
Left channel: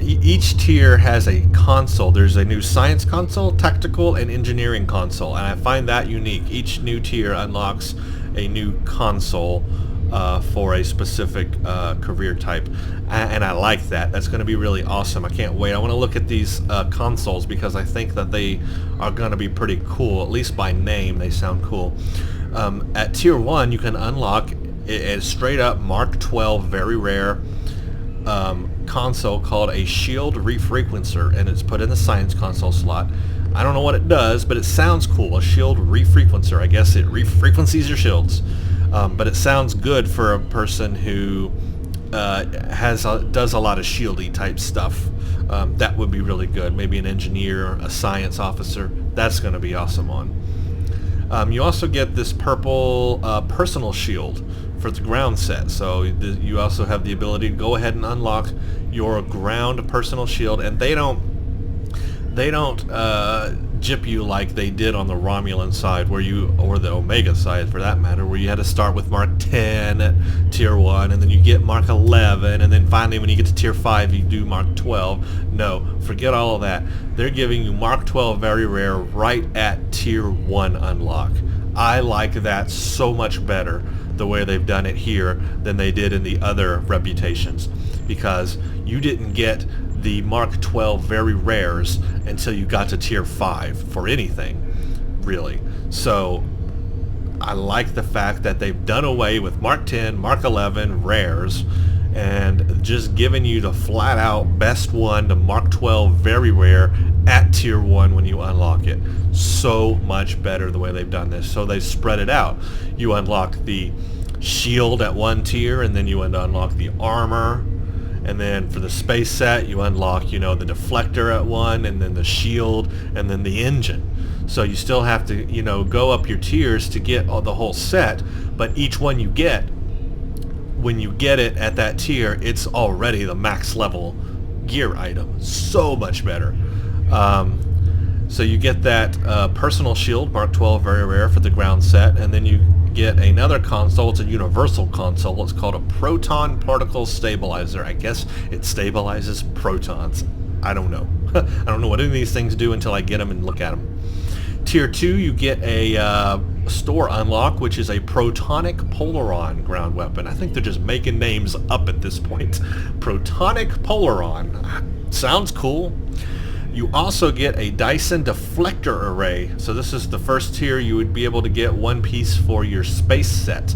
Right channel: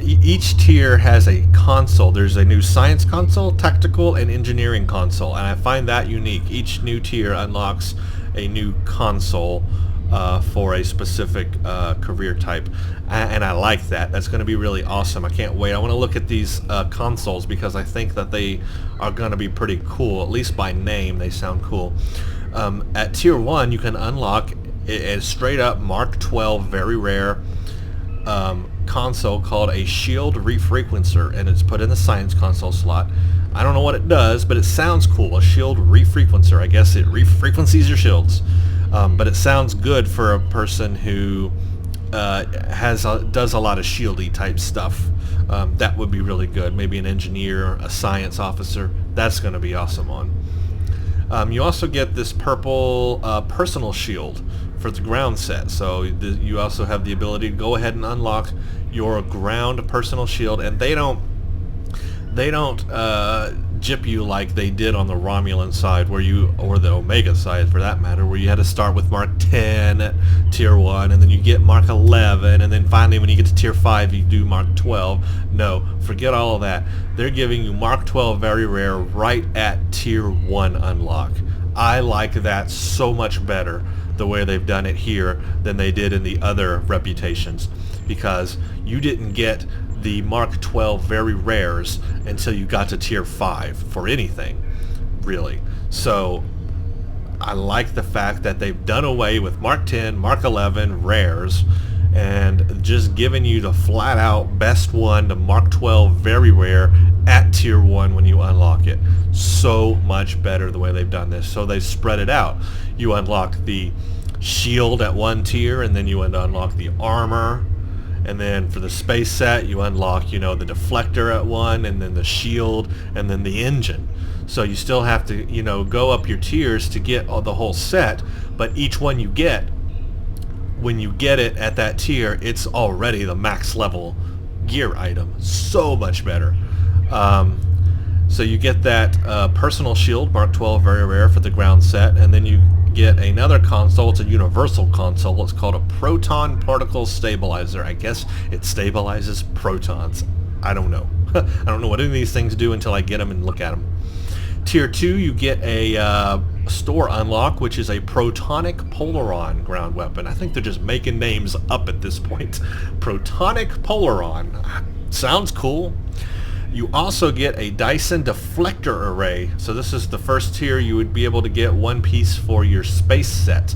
each tier has a console. There's a new science console, tactical, and engineering console, and I find that unique. Each new tier unlocks a new console for a specific career type, and I like that. That's going to be really awesome. I can't wait. I want to look at these consoles because I think that they are going to be pretty cool. At least by name, they sound cool. At tier 1, you can unlock a straight up Mark 12 very rare console called a shield refrequencer, and it's put in the science console slot. I don't know what it does, but it sounds cool. A shield refrequencer. I guess it refrequencies your shields, but it sounds good for a person who does a lot of shieldy type stuff. That would be really good. Maybe an engineer, a science officer. That's going to be awesome on. You also get this purple personal shield for the ground set, so you also have the ability to go ahead and unlock your ground personal shield, and they don't jip you like they did on the Romulan side, or the Omega side for that matter, where you had to start with Mark 10 at tier 1, and then you get Mark 11, and then finally when you get to tier 5 you do Mark 12. No, forget all of that. They're giving you Mark 12 very rare right at tier 1 unlock. I like that so much better, the way they've done it here, than they did in the other reputations, because you didn't get the Mark 12 very rares until you got to tier 5 for anything, really. So I like the fact that they've done away with Mark 10, Mark 11 rares, and just giving you the flat out best one, the Mark 12 very rare at tier 1 when you unlock it. So much better the way they've done this. So they spread it out. You unlock the shield at one tier, and then you unlock the armor, and then for the space set you unlock, the deflector at one, and then the shield, and then the engine. So you still have to, go up your tiers to get the whole set, but each one you get, when you get it at that tier, it's already the max level gear item. So much better. So you get that personal shield, Mark 12, very rare for the ground set, and then you get another console. It's a universal console. It's called a proton particle stabilizer. I guess it stabilizes protons. I don't know. I don't know what any of these things do until I get them and look at them. Tier 2, you get a store unlock, which is a protonic polaron ground weapon. I think they're just making names up at this point. Protonic polaron. Sounds cool. You also get a Dyson deflector array. So this is the first tier you would be able to get one piece for your space set.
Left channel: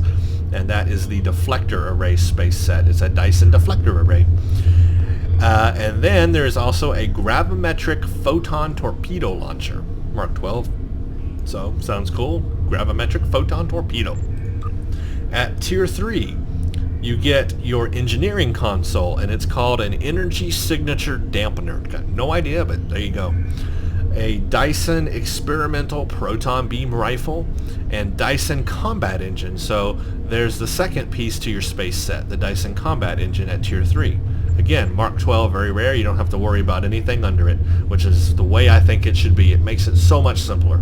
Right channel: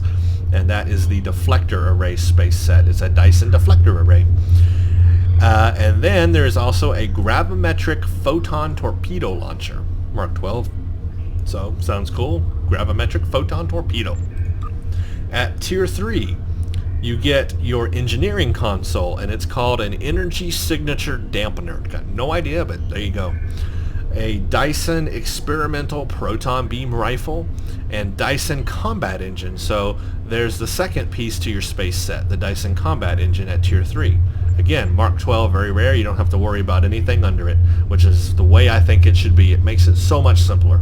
And that is the deflector array space set. It's a Dyson deflector array. And then there's also a gravimetric photon torpedo launcher. Mark 12. So, sounds cool. Gravimetric photon torpedo. At tier 3, you get your engineering console, and it's called an energy signature dampener. Got no idea, but there you go. A Dyson experimental proton beam rifle, and Dyson combat engine. So there's the second piece to your space set, the Dyson combat engine at tier 3. Again, Mark 12, very rare. You don't have to worry about anything under it, which is the way I think it should be. It makes it so much simpler.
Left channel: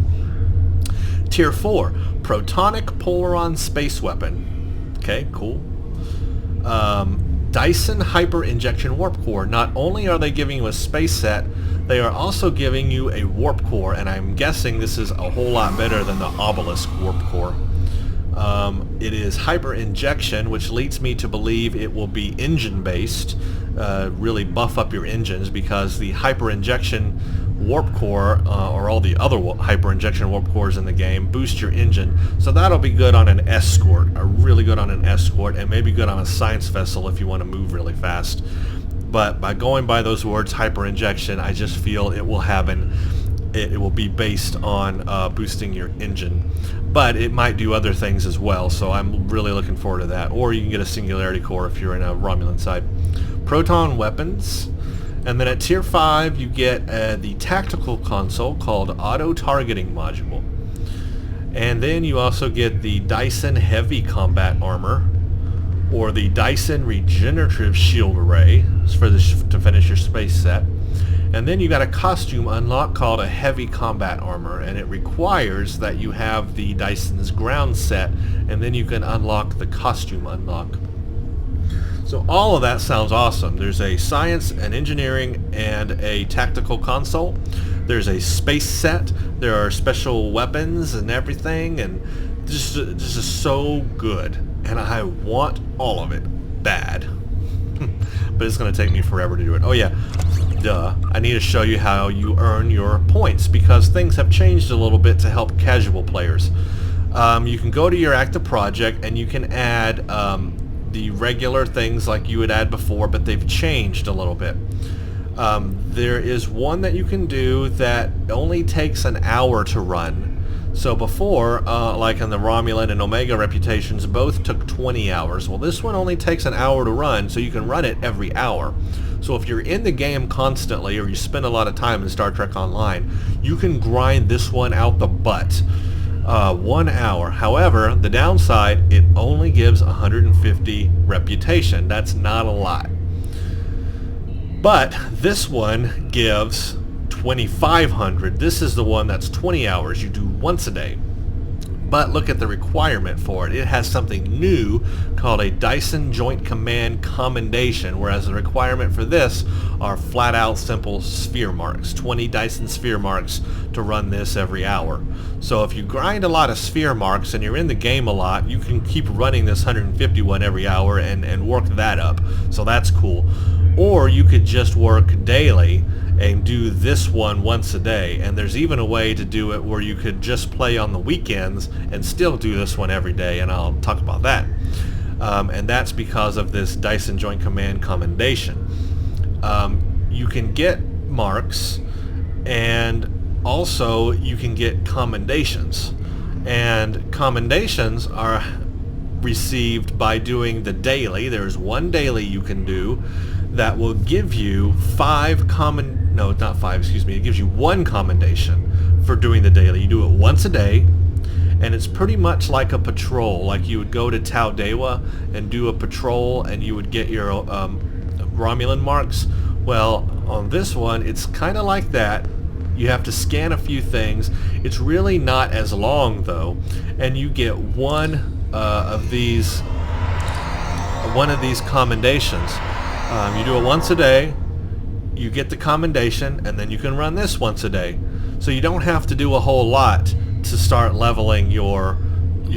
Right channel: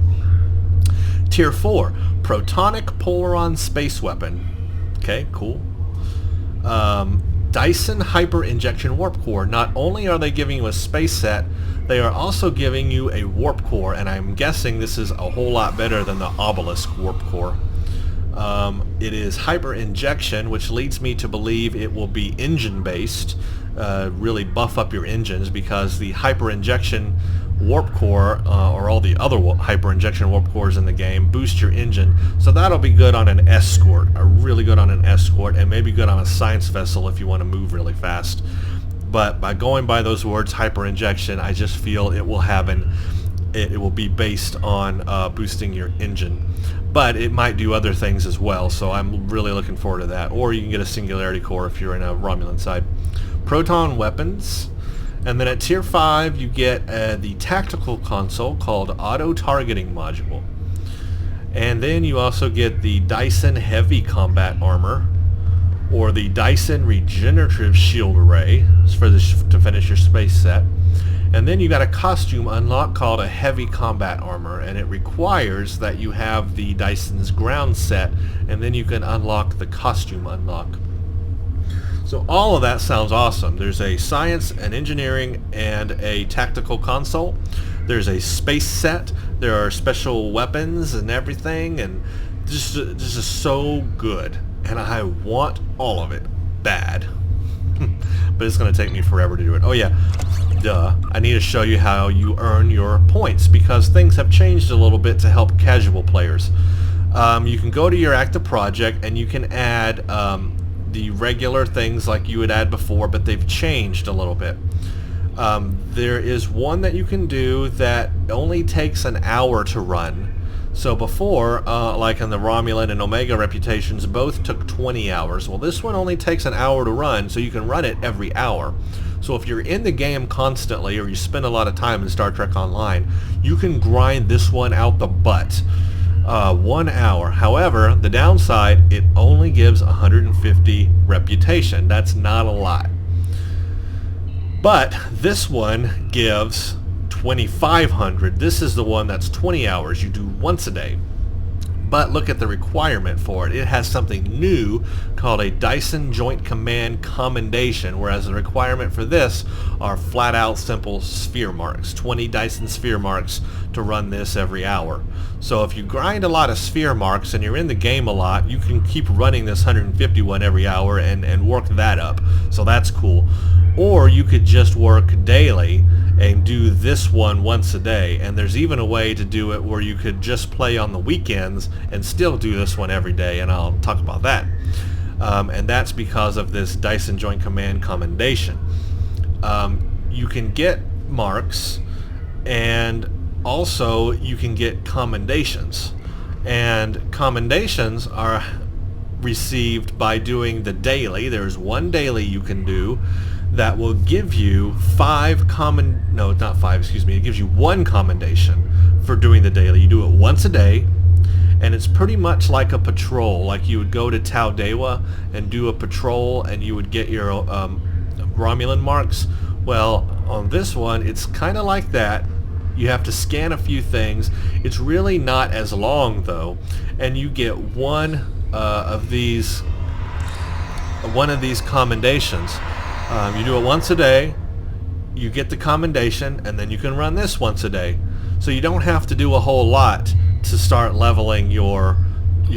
Tier 4, Protonic Polaron Space Weapon. Okay, cool. Dyson Hyper Injection Warp Core. Not only are they giving you a space set, they are also giving you a warp core, and I'm guessing this is a whole lot better than the Obelisk Warp Core. It is hyper injection, which leads me to believe it will be engine based, really buff up your engines, because the hyper injection warp core, or all the other hyper injection warp cores in the game, boost your engine. So that'll be good on an escort, really good on an escort, and maybe good on a science vessel if you want to move really fast. But by going by those words, hyper injection, I just feel it will have it will be based on boosting your engine. But it might do other things as well, so I'm really looking forward to that. Or you can get a singularity core if you're in a Romulan side. Proton weapons. And then at tier 5 you get the tactical console called Auto Targeting Module. And then you also get the Dyson Heavy Combat Armor, or the Dyson Regenerative Shield Array to finish your space set. And then you got a costume unlock called a Heavy Combat Armor, and it requires that you have the Dyson's ground set, and then you can unlock the costume unlock. So all of that sounds awesome. There's a science, an engineering, and a tactical console. There's a space set. There are special weapons and everything, and this is so good. And I want all of it bad. But it's going to take me forever to do it. Oh yeah, duh. I need to show you how you earn your points, because things have changed a little bit to help casual players. You can go to your active project and you can add the regular things like you would add before, but they've changed a little bit. There is one that you can do that only takes an hour to run. So before, like in the Romulan and Omega reputations, both took 20 hours. Well, this one only takes an hour to run, so you can run it every hour. So if you're in the game constantly, or you spend a lot of time in Star Trek Online, you can grind this one out the butt. 1 hour. However, the downside, it only gives 150 reputation. That's not a lot. But this one gives 2,500. This is the one that's 20 hours. You do once a day. But look at the requirement for it. It has something new called a Dyson Joint Command Commendation, whereas the requirement for this are flat out simple sphere marks. 20 Dyson sphere marks to run this every hour. So if you grind a lot of sphere marks and you're in the game a lot, you can keep running this 151 every hour and work that up. So that's cool. Or you could just work daily and do this one once a day, and there's even a way to do it where you could just play on the weekends and still do this one every day, and I'll talk about that. and that's because of this Dyson Joint Command commendation. You can get marks, and also you can get commendations, and commendations are received by doing the daily. There's one daily you can do that will give you it gives you one commendation for doing the daily. You do it once a day, and it's pretty much like a patrol. Like you would go to Taldewa and do a patrol, and you would get your Romulan marks. Well, on this one, it's kind of like that. You have to scan a few things. It's really not as long, though, and you get one of these commendations. You do it once a day, you get the commendation, and then you can run this once a day. So you don't have to do a whole lot to start leveling your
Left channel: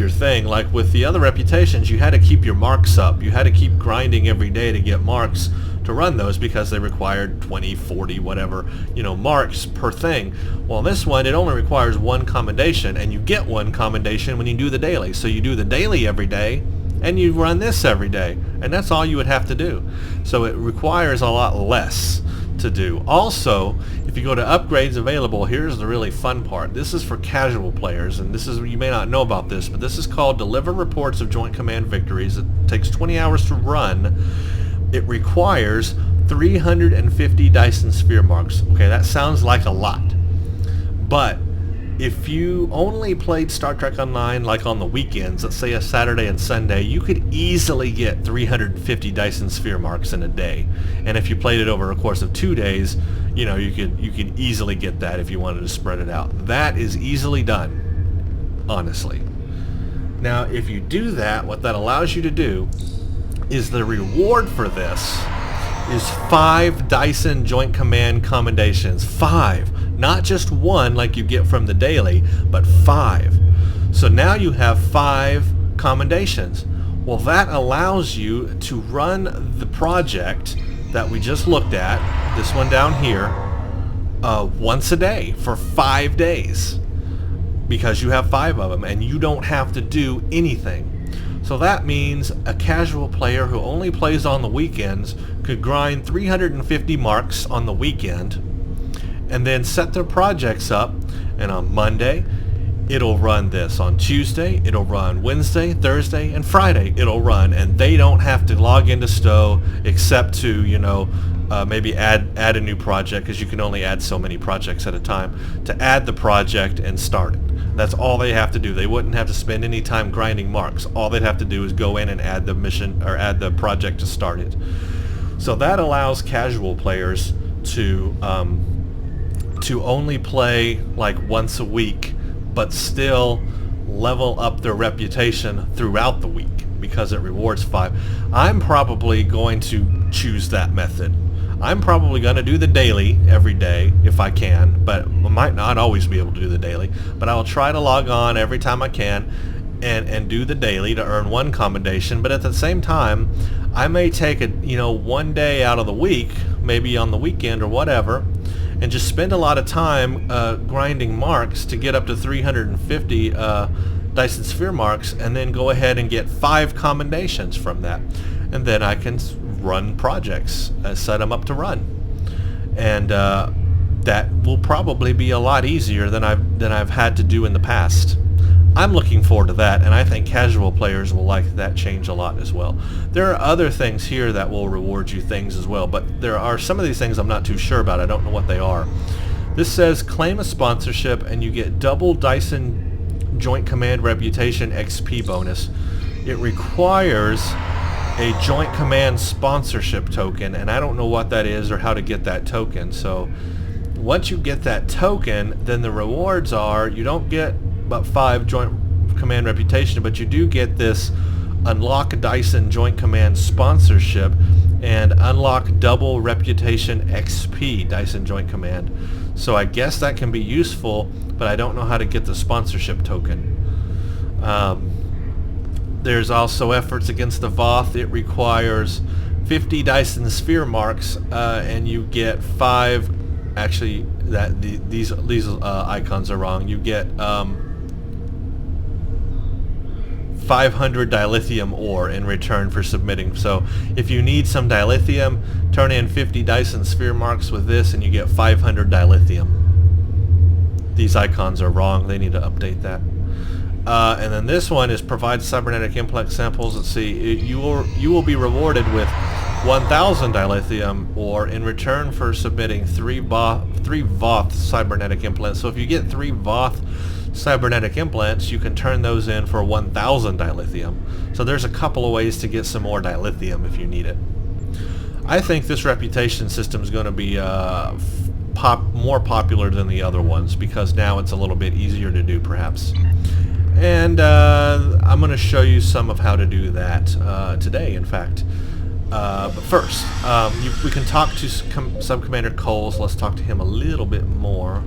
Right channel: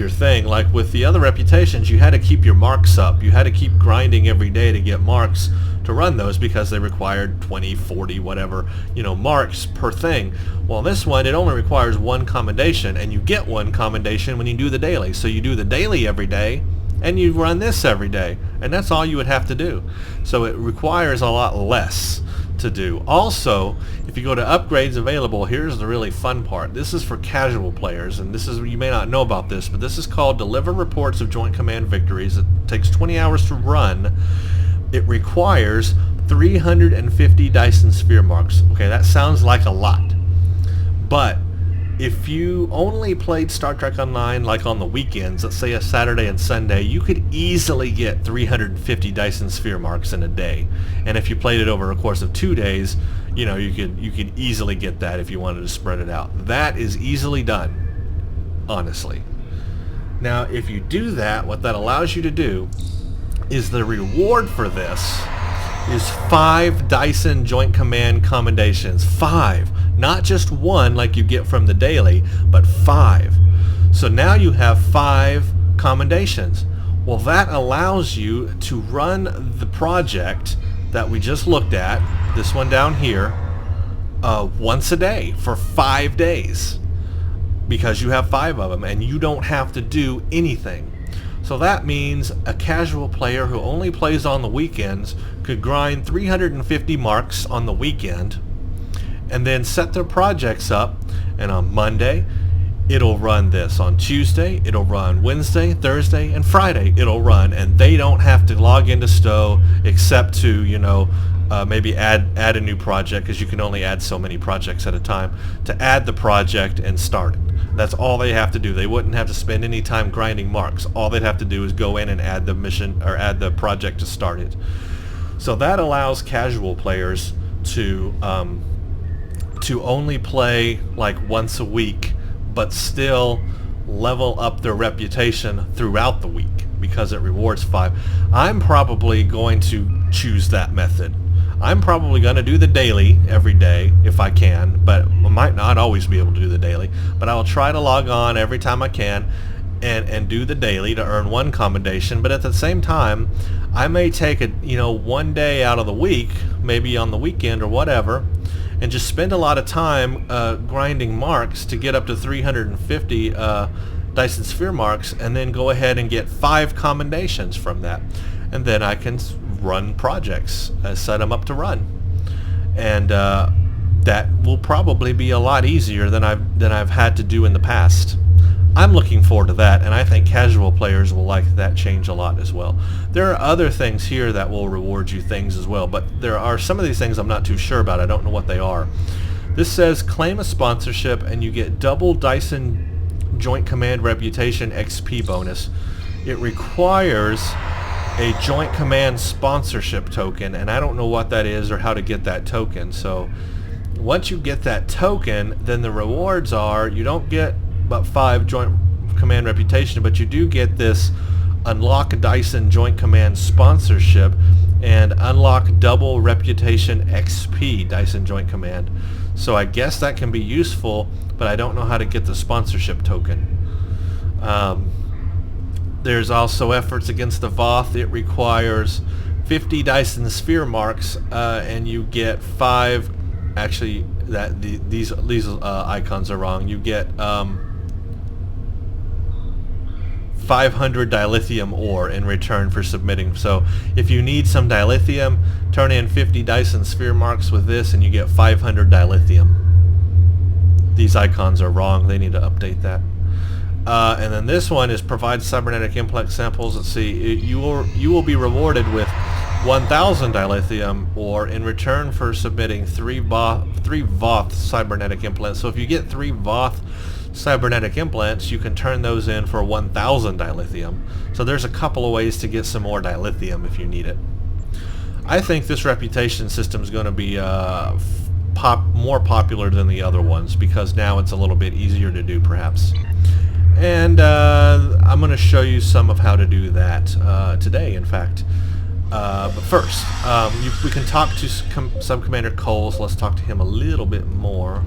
thing. Like with the other reputations, you had to keep your marks up. You had to keep grinding every day to get marks to run those, because they required 20, 40, whatever, marks per thing. Well, this one, it only requires one commendation, and you get one commendation when you do the daily. So you do the daily every day, and you run this every day, and that's all you would have to do. So it requires a lot less to do. Also, if you go to upgrades available, here's the really fun part. This is for casual players, and you may not know about this, but this is called Deliver Reports of Joint Command Victories. It takes 20 hours to run. It requires 350 Dyson Sphere marks. Okay, that sounds like a lot, but if you only played Star Trek Online like on the weekends, let's say a Saturday and Sunday, you could easily get 350 Dyson Sphere marks in a day. And if you played it over a course of 2 days, you could easily get that if you wanted to spread it out. That is easily done, honestly. Now, if you do that, what that allows you to do is the reward for this is 5 Dyson Joint Command commendations. 5. Not just one like you get from the daily, but 5. So now you have 5 commendations. Well, that allows you to run the project that we just looked at, this one down here, once a day for 5 days, because you have 5 of them, and you don't have to do anything. So that means a casual player who only plays on the weekends could grind 350 marks on the weekend, and then set their projects up, and on Monday it'll run this. On Tuesday it'll run, Wednesday, Thursday, and Friday it'll run, and they don't have to log into Stowe except to maybe add a new project, because you can only add so many projects at a time, to add the project and start it. That's all they have to do. They wouldn't have to spend any time grinding marks. All they'd have to do is go in and add the mission, or add the project to start it. So that allows casual players to only play like once a week, but still level up their reputation throughout the week, because it rewards 5. I'm probably going to choose that method. I'm probably going to do the daily every day if I can, but I might not always be able to do the daily. But I'll try to log on every time I can and do the daily to earn one commendation. But at the same time, I may take one day out of the week, maybe on the weekend or whatever, and just spend a lot of time grinding marks to get up to 350 Dyson Sphere marks, and then go ahead and get 5 commendations from that. And then I can run projects, set them up to run, and that will probably be a lot easier than I've had to do in the past. I'm looking forward to that, and I think casual players will like that change a lot as well. There are other things here that will reward you things as well, but there are some of these things I'm not too sure about. I don't know what they are. This says claim a sponsorship and you get double Dyson Joint Command Reputation XP bonus. It requires a Joint Command sponsorship token, and I don't know what that is or how to get that token. So once you get that token, then the rewards are, you don't get about 5 Joint Command Reputation, but you do get this unlock Dyson Joint Command sponsorship and unlock double Reputation XP Dyson Joint Command. So I guess that can be useful, but I don't know how to get the sponsorship token. There's also efforts against the Voth. It requires 50 Dyson Sphere marks, and you get 5. Actually, these icons are wrong. You get 500 dilithium ore in return for submitting. So if you need some dilithium, turn in 50 Dyson Sphere marks with this and you get 500 dilithium. These icons are wrong. They need to update that. And then this one is provide cybernetic implant samples. Let's see. You will be rewarded with 1,000 dilithium ore in return for submitting 3 Voth cybernetic implants. So if you get 3 Voth cybernetic implants, you can turn those in for 1,000 dilithium. So there's a couple of ways to get some more dilithium if you need it. I think this reputation system is going to be more popular than the other ones because now it's a little bit easier to do, perhaps. And I'm going to show you some of how to do that today, in fact. But first, we can talk to Sub-Commander Cole, so let's talk to him a little bit more.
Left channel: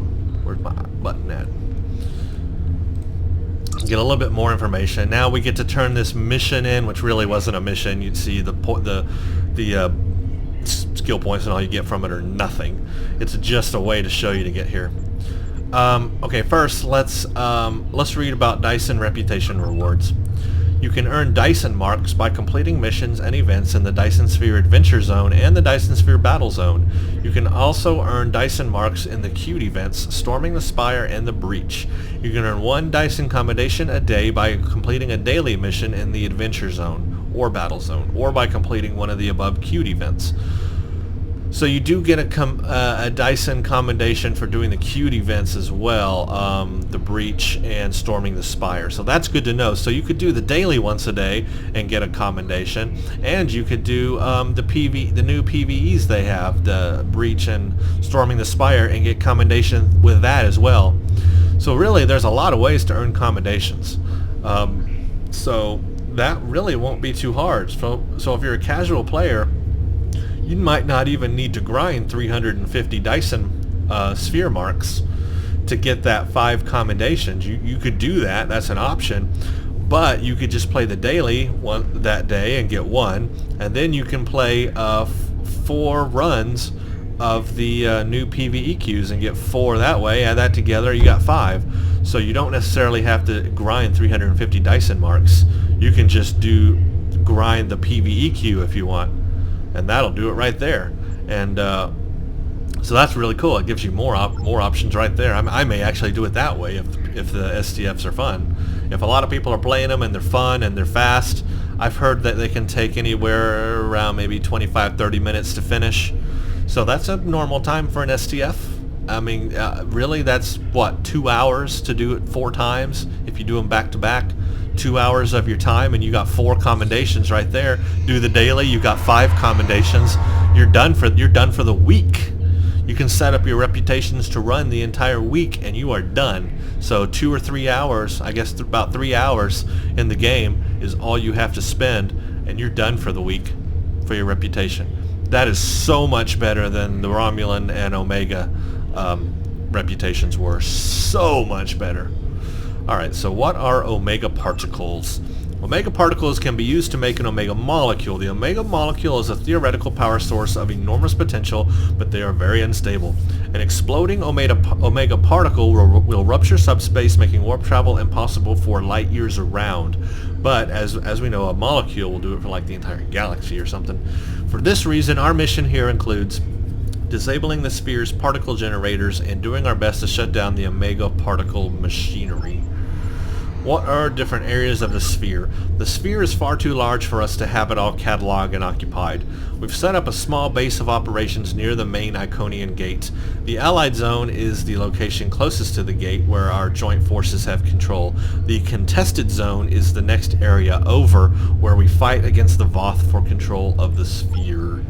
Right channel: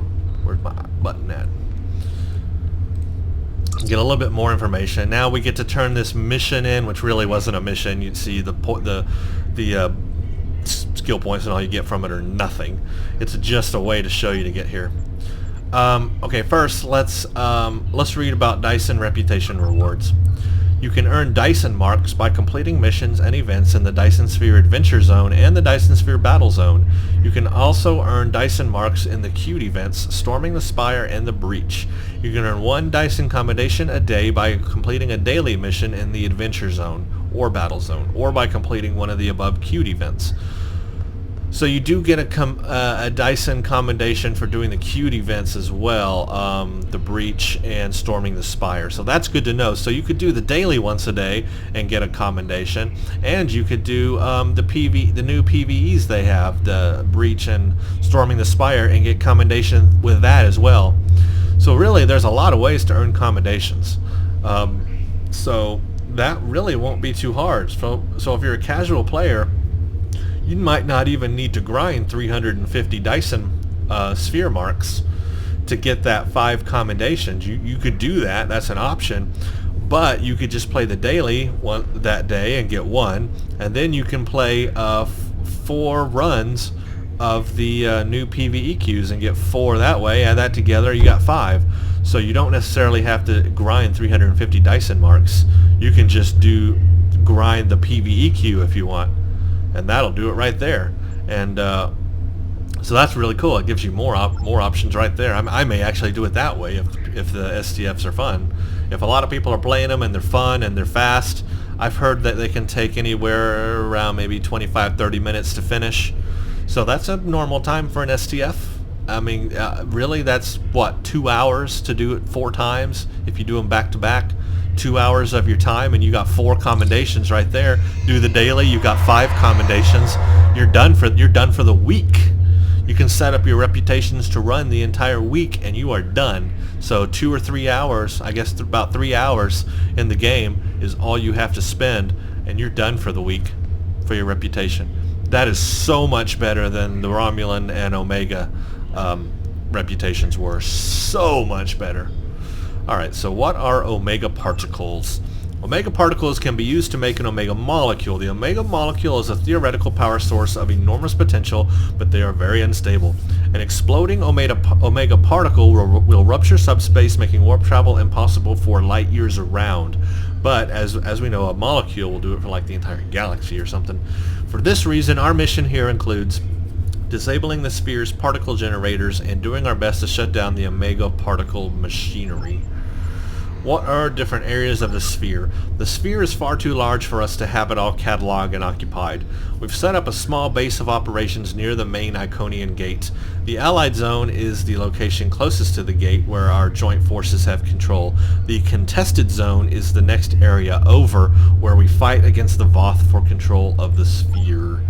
Where's my button at? Get a little bit more information. Now we get to turn this mission in, which really wasn't a mission. You'd see the skill points and all you get from it are nothing. It's just a way to show you to get here. Okay, first let's read about Dyson reputation rewards. You can earn Dyson marks by completing missions and events in the Dyson Sphere Adventure Zone and the Dyson Sphere Battle Zone. You can also earn Dyson marks in the queued events, Storming the Spire and the Breach. You can earn 1 Dyson commendation a day by completing a daily mission in the Adventure Zone or Battle Zone, or by completing one of the above queued events. So you do get a Dyson commendation for doing the queued events as well, the Breach and Storming the Spire. So that's good to know. So you could do the daily once a day and get a commendation, and you could do the new PvEs they have, the Breach and Storming the Spire, and get commendation with that as well. So really, there's a lot of ways to earn commendations. So that really won't be too hard. So if you're a casual player, you might not even need to grind 350 Dyson Sphere marks to get that 5 commendations. You could do that. That's an option. But you could just play the daily that day and get 1. And then you can play 4 runs of the new PvE queues and get 4 that way. Add that together, you got 5. So you don't necessarily have to grind 350 Dyson marks. You can just grind the PvE queue if you want. And that'll do it right there. And so that's really cool. It gives you more options right there. I may actually do it that way if the STFs are fun. If a lot of people are playing them and they're fun and they're fast, I've heard that they can take anywhere around maybe 25-30 minutes to finish. So that's a normal time for an STF. I mean, really, that's what, 2 hours to do it 4 times if you do them back to back. 2 hours of your time, and you got 4 commendations right there. Do the daily, you got 5 commendations. You're done for the week. You can set up your reputations to run the entire week, and you are done. So 2 or 3 hours, I guess about 3 hours in the game is all you have to spend, and you're done for the week for your reputation. That is so much better than the Romulan and Omega reputations were. So much better. Alright, so what are omega particles? Omega particles can be used to make an omega molecule. The omega molecule is a theoretical power source of enormous potential, but they are very unstable. An exploding omega particle will rupture subspace, making warp travel impossible for light years around. But as we know, a molecule will do it for like the entire galaxy or something. For this reason, our mission here includes disabling the sphere's particle generators and doing our best to shut down the omega particle machinery. What are different areas of the sphere? The sphere is far too large for us to have it all cataloged and occupied. We've set up a small base of operations near the main Iconian gate. The Allied Zone is the location closest to the gate where our joint forces have control. The Contested Zone is the next area over where we fight against the Voth for control of the sphere.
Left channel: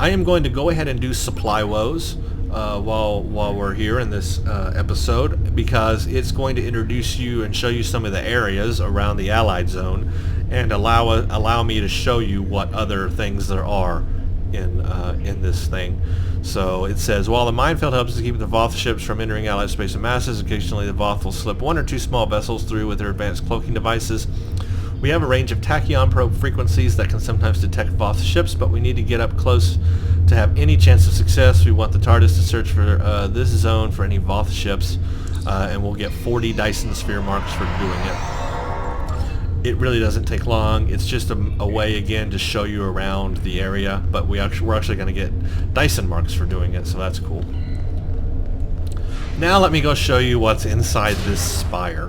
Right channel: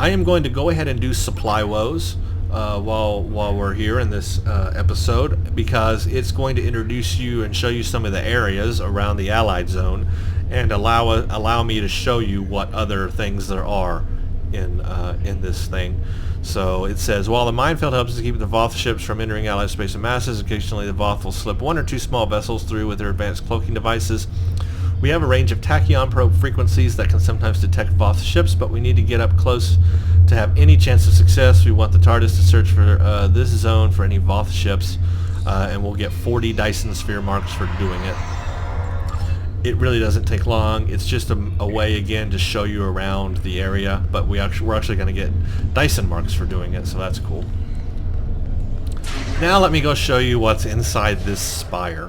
I am going to go ahead and do supply woes while we're here in this episode, because it's going to introduce you and show you some of the areas around the Allied Zone and allow me to show you what other things there are in this thing. So it says, while the minefield helps to keep the Voth ships from entering Allied space and masses, occasionally the Voth will slip 1 or 2 small vessels through with their advanced cloaking devices. We have a range of tachyon probe frequencies that can sometimes detect Voth ships, but we need to get up close to have any chance of success. We want the TARDIS to search for this zone for any Voth ships, and we'll get 40 Dyson Sphere marks for doing it. It really doesn't take long. It's just a way again to show you around the area, but we're actually going to get Dyson marks for doing it, so that's cool. Now let me go show you what's inside this spire.